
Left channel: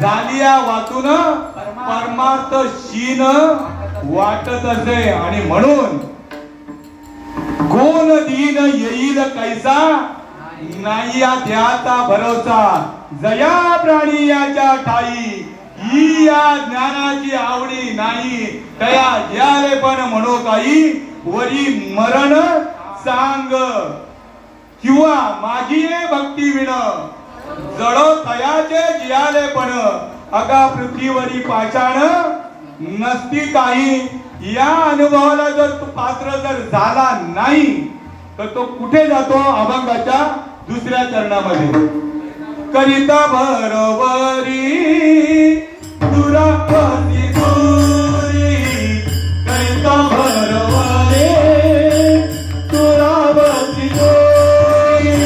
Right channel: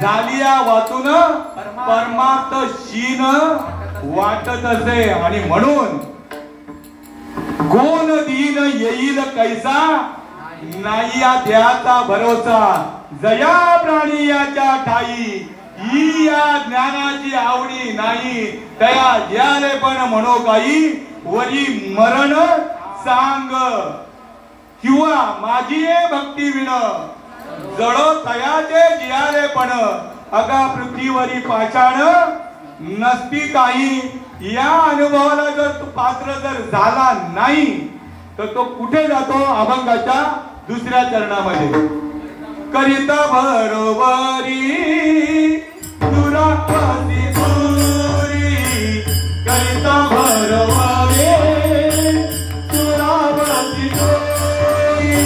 झाली या वाचून परमार्थ शीन वाटत असे. आणि म्हणून कोण दीन येईल कैसा नाही या देहाचा भरोसा जया प्राणी याच्या ठाई ही या ज्ञानाची आवडी नाही तया ज्याले पण म्हणो काही वरी मरण सांग किंवा माझी ये भक्ती विण जडो तयाचे जियाले पण अगा पृथ्वीवरी पाषाण नसती काही. या अनुभवाला जर तो पात्र जर झाला नाही तर तो कुठे जातो? अभंगाच्या दुसऱ्या चरणामध्ये करिता बरोबरी दुरापती दुरी करिता बरोबरी दुरापती दुरी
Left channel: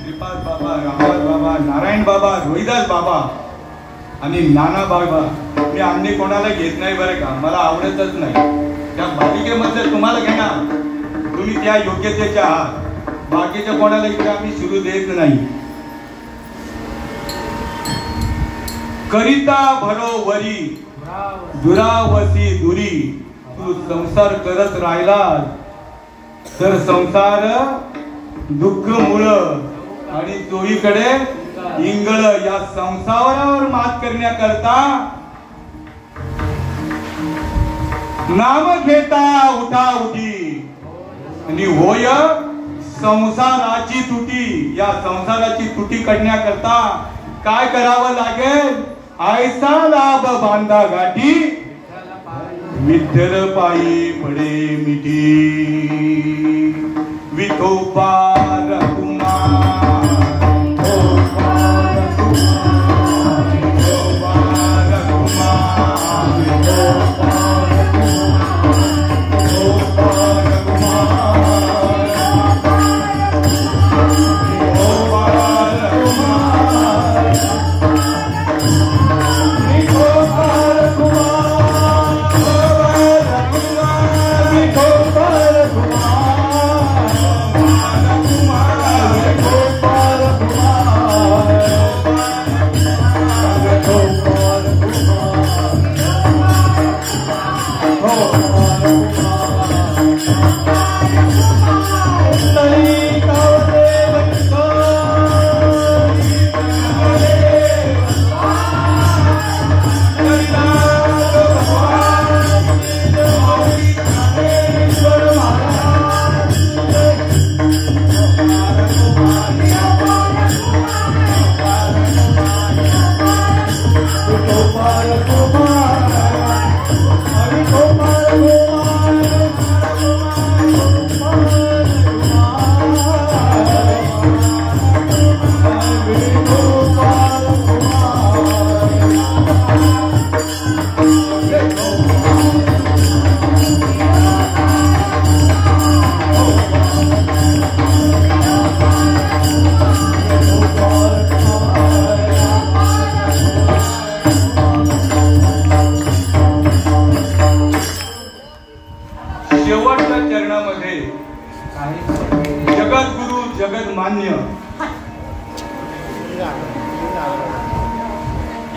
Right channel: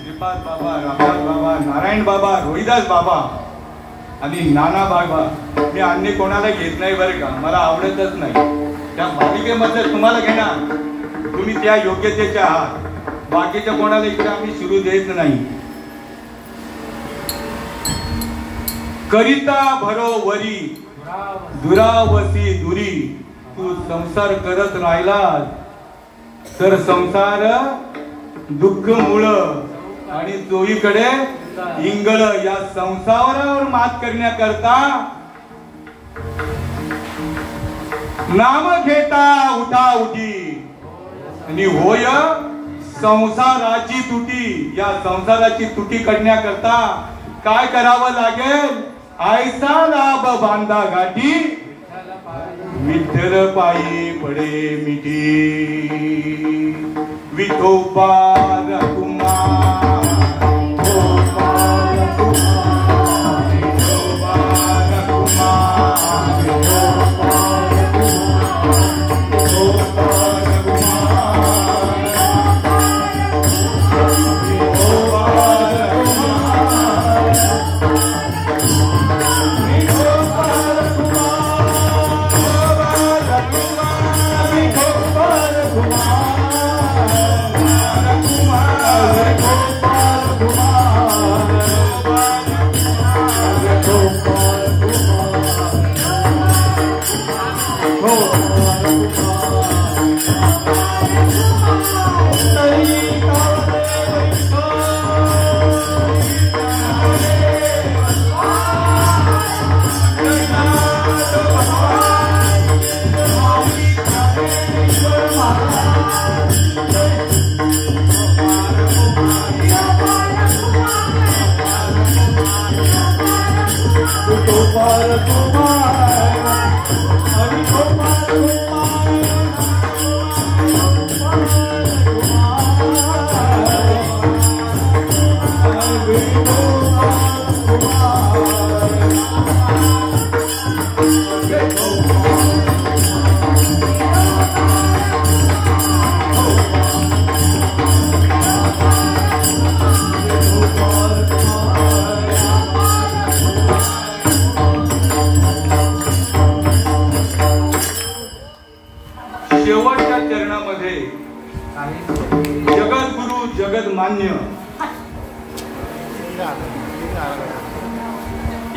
श्रीपाद बाबा, रामदास बाबा, नारायण बाबा, रोहिदास बाबा आणि नाना बाबा, मी अन्य कोणाला घेत नाही बरं का, मला आवडतच नाही. त्या मालिकेमध्ये तुम्हाला घेणार, तुम्ही त्या योग्यतेच्या आहात. बाकीच्या कोणाला इकडे आम्ही सुरू देत नाही. करिता भरोवरी दुरावसी दुरी. तू संसार करत राहिला तर संसार दुःख मुळ आणि चोहीकडे इंगळ. या संसारावर मात करण्याकरता नाम घेता उठा उठी आणि होय संसाराची तुटी. या संसाराची तुटी करण्याकरता काय करावं लागेल? आयसा लाभ बांधा गाठी विठ्ठल पायी पडे मिठी. विठोबा रघुमा शेवटच्या चरणामध्ये जगद्गुरु जगन्मान्य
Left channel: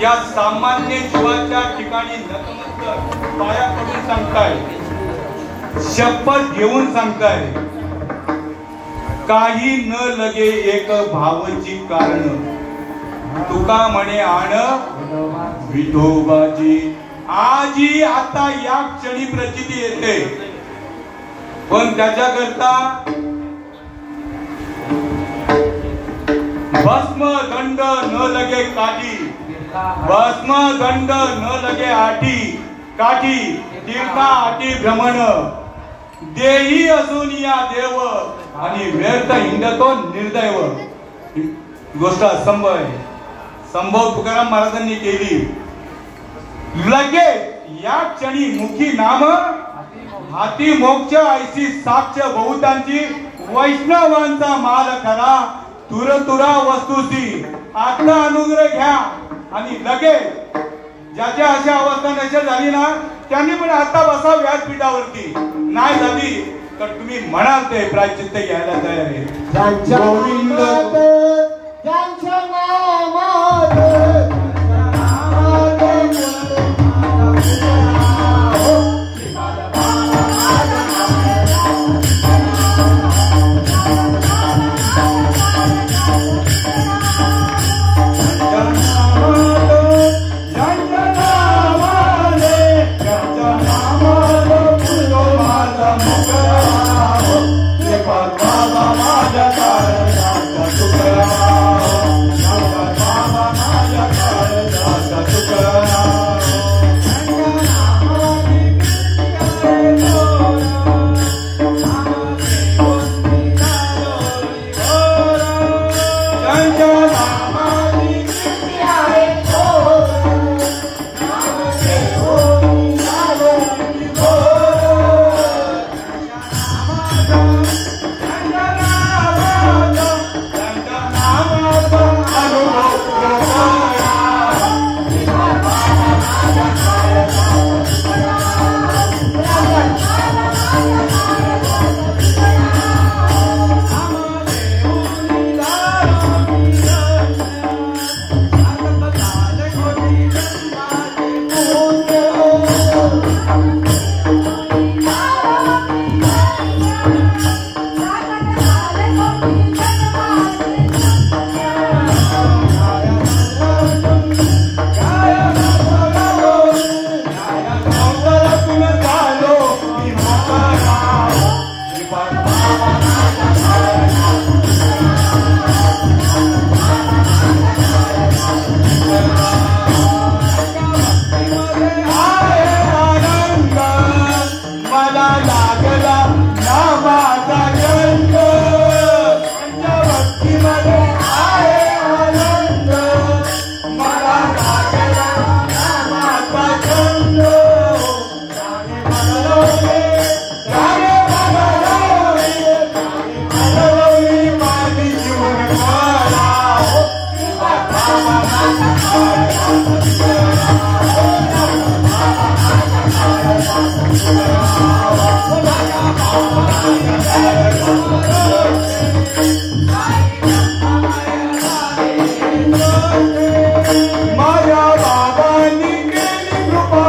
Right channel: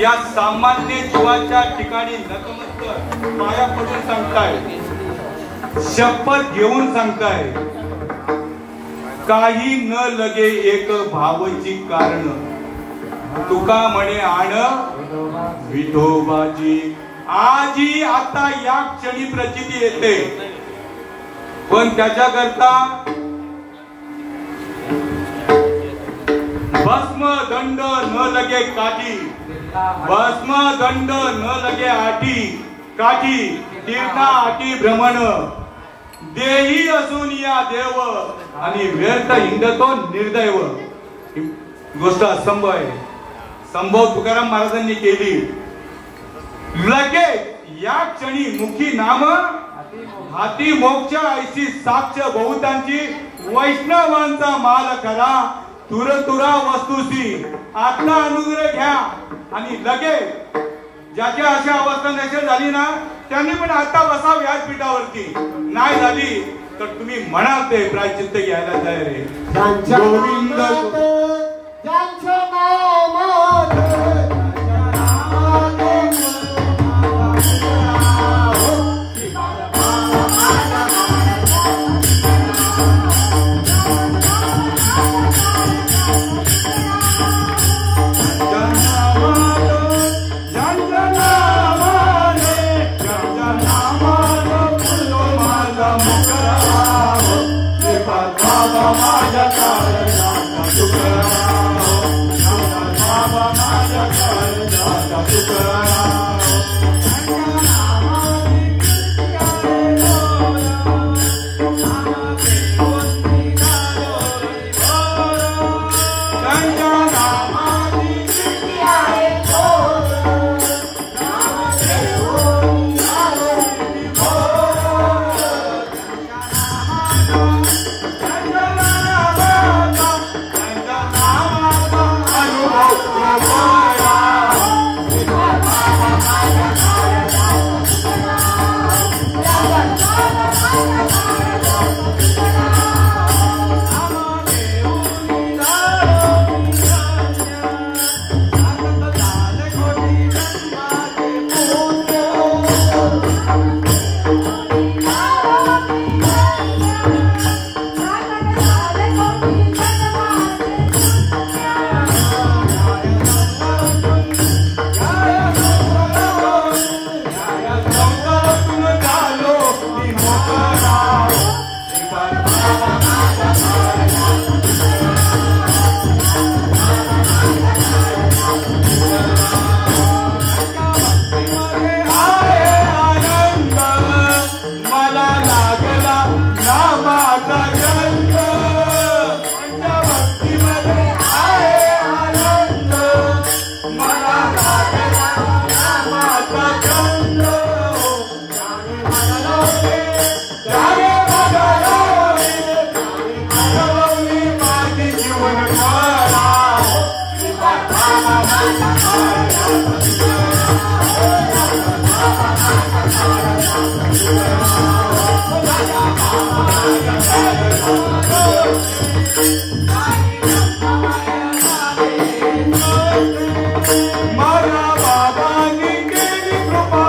या सामान्य जीवाच्या ठिकाणी नतमस्तक पाया पडून सांगताय, शपथ घेऊन सांगताय, काही न लगे एक भावची कारण तुका म्हणे आण विठोबाजी. आजी आता या क्षणी प्रचिती येते, पण त्याच्याकरता भस्म दंड न लगे काठी, भस्म दंड न लगे आठी काठी, तीर्था आठी भ्रमण देही असून या देव आणि व्यर्थ हिंडतो निर्दैव. गोष्ट असंभव आहे. संभव तुकाराम महाराजांनी केली. लगेच या क्षणी मुखी नाम हाती मोक्ष ऐशी साक्ष बहुतांची वैष्णवांचा माल खरा तुर तुरा वस्तूसी आत्मा अनुग्रह घ्या. आणि लगेच ज्याच्या अशा अवस्था नसेल झाली ना त्यांनी पण आता बसा व्यासपीठावरती. नाही झाली तर तुम्ही म्हणाल ते प्रायश्चित्त घ्यायला तयार आहे. गोविंद त्यांच्या नामात माझ्या बाबांनी केली कृपा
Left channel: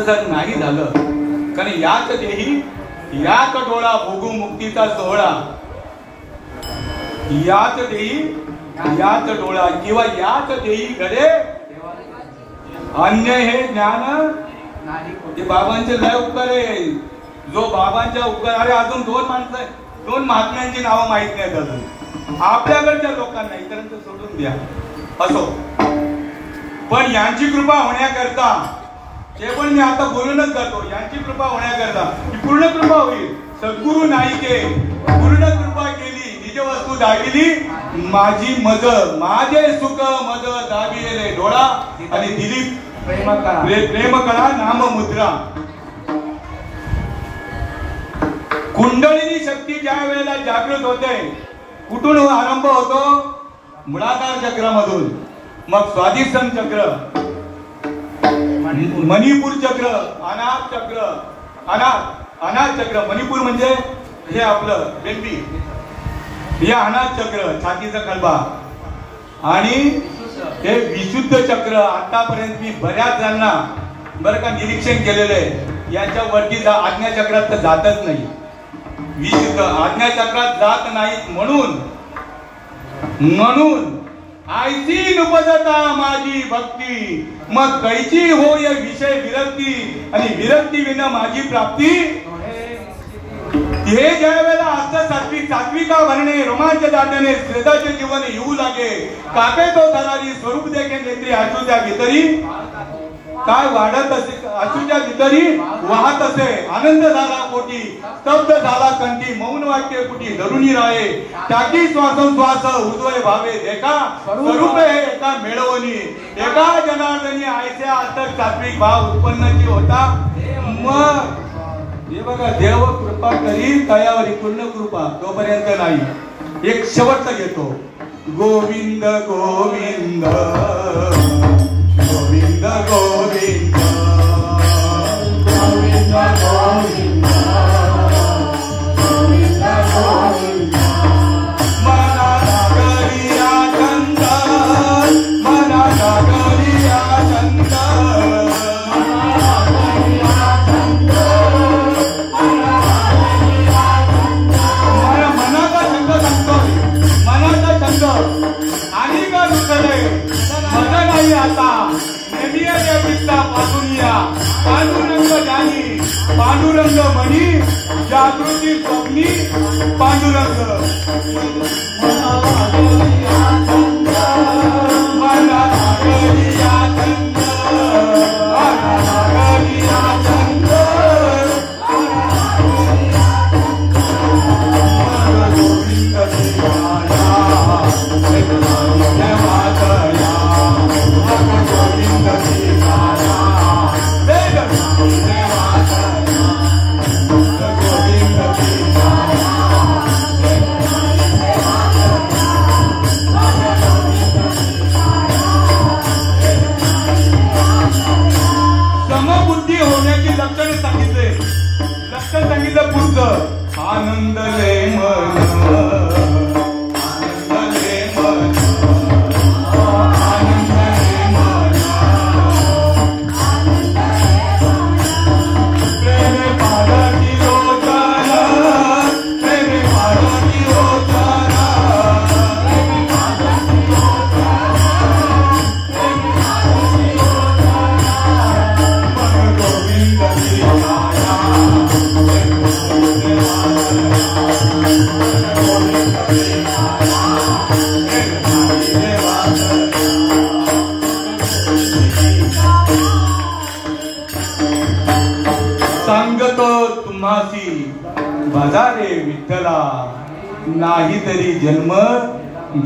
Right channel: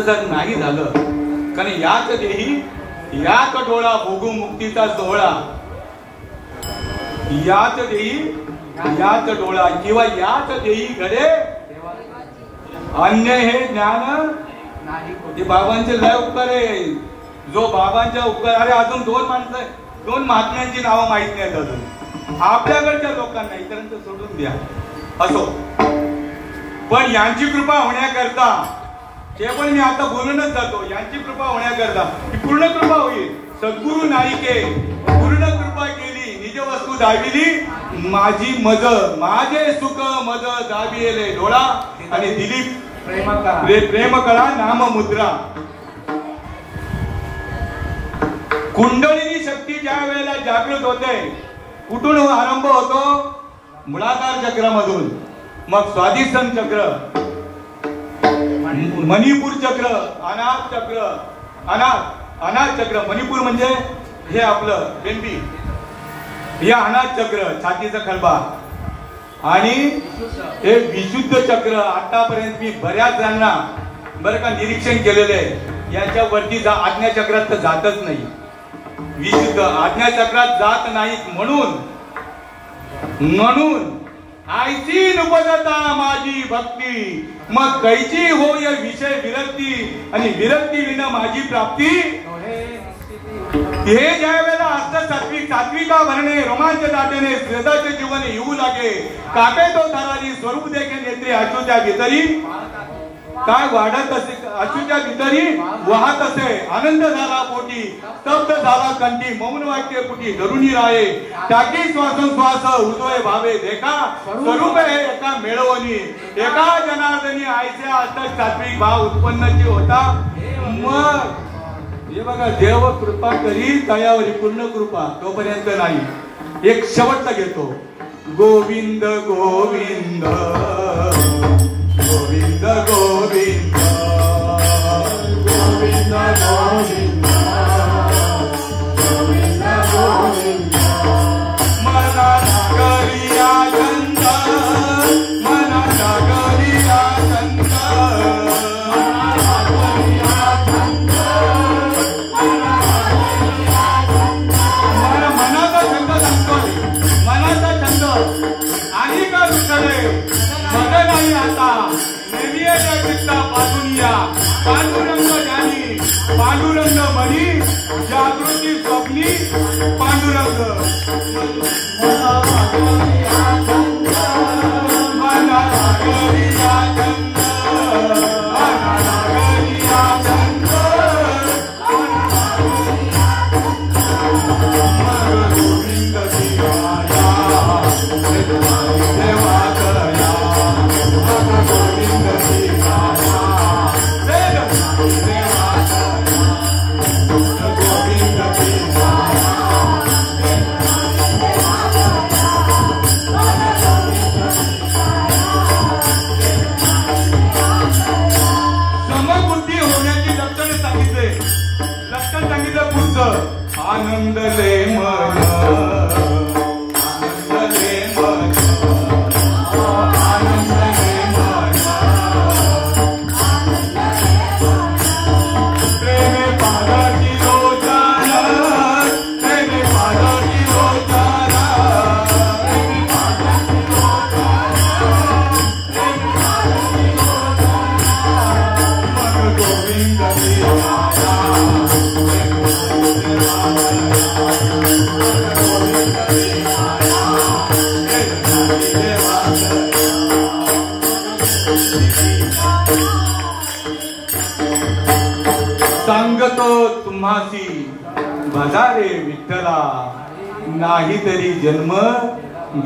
असं जर नाही झालं, कारण याच देही याच डोळा भोगू मुक्तीचा सोहळा, याच देही याच डोळा किंवा याच देही घडे अन्य हे ज्ञान हे बाबांचे लय उपकार आहे. जो बाबांच्या उपकार, अरे अजून दोन महात्म्यांची नावं माहित नाहीत अजून आपल्याकडच्या लोकांना, इतरांचं सोडून द्या. असो, पण यांची कृपा होण्याकरता, ते पण मी आता बोलूनच जातो, यांची कृपा होण्याकरता ही पूर्ण कृपा होईल. सद्गुरु नाईके पूर्ण कृपा केली, निज वस्तू दाविली माझी मज, माझे सुख मज दाविले डोळा आणि दिली प्रेम कळा नाम मुद्रा. कुंडलिनी शक्ती ज्या वेळेला जागृत होते, कुठून आरंभ होतो? मूलाधार चक्रामधून, मग स्वादिष्ठान चक्र, मणिपूर चक्र, अनाथ चक्र, अनाथ चक्र. मणिपूर म्हणजे हे आपलं बेंबी, हे अनाथ चक्र, छातीचा खंबा, आणि हे विशुद्ध चक्र. आतापर्यंत मी बऱ्याच जणांना बरं का निरीक्षण केलेलं आहे, यांच्या वरती आज्ञा चक्रात तर जातच नाही. विशुद्ध आज्ञा चक्रात जात नाहीत म्हणून आयची नुपजता माझी भक्ती, मग कैची होय विषय विरक्ती, आणि विरक्ती विना माझी प्राप्ती. हे ज्या वेळेला असतं सात्विका भरणे, रोमांच दाटणे, श्रद्धाचे जीवन येऊ लागे, कापे तो धराली स्वरूप देखे नेत्री अचूच्या भीतरी, काय वाढत असे अचूच्या भीतरी वाहत असे, आनंद झाला पोटी, स्तब्ध झाला कंठी, मौन वाक्य पुटी धरुणी राहे, टाकी श्वासोश्वास हृदय भावे देखा, स्वरूप हे एका मेळवणी, एका जनार्दनी आयच्या अटक सात्विक भाव उत्पन्नची होता. मग हे बघा, देव कृपा करील तयावरी पूर्ण कृपा, तोपर्यंत नाही. एक शेवटचा घेतो, गोविंद गोविंद गोविंद गोविंद गोविंद गोविंद गोविंद गोविंद. मना नगरिया संत, मना नगरिया संत, मनाचा छंद सांगतोय, मनाचा छंद आणि का दुसरे मग नाही आता पांडुरंग जाणी, पांडुरंग मणी, जागृती स्वप्नी पांडुरंग. आनंद ले मन, आनंद ले मन, आनंद ले मन, प्रेम पारती रोजाना, प्रेम पारती रोजाना, प्रेम पारती रोजाना, गोविंद गोविंद. सांगतो तुम्हासी बाजारे विठ्ठला, नाही तरी जन्म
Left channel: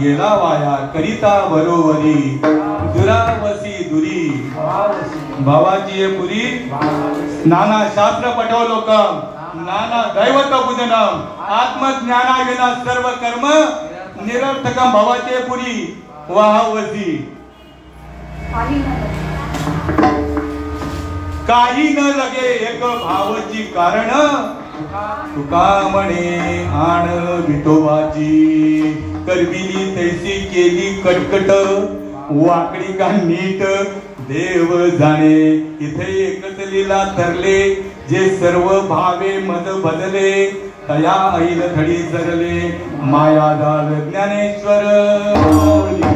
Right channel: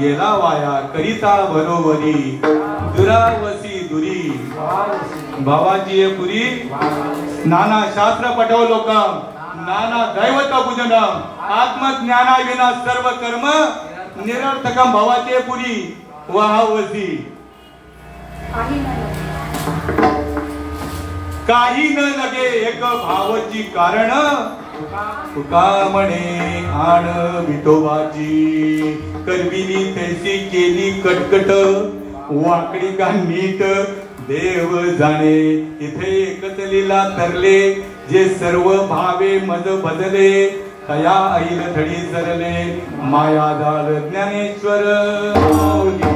गेला वाया, करिता बरोबरी दुरावसी दुरी. भावाची पुरी नाना शास्त्र पठव लोकम, नाना दैवत बुधनम, आत्मज्ञाना विना सर्व कर्म निरर्थकम. भावाचे पुरी वाहवसी काही न लगे एक भावची कारण, तुका म्हणे आण विठोबाची, करविली तैसी केली कटकट, वाकडी का नीट देव जाणे इथे एकच लीला तरले जे सर्व भावे मद बदले तया ऐन थडी सरले माया जाल ज्ञानेश्वर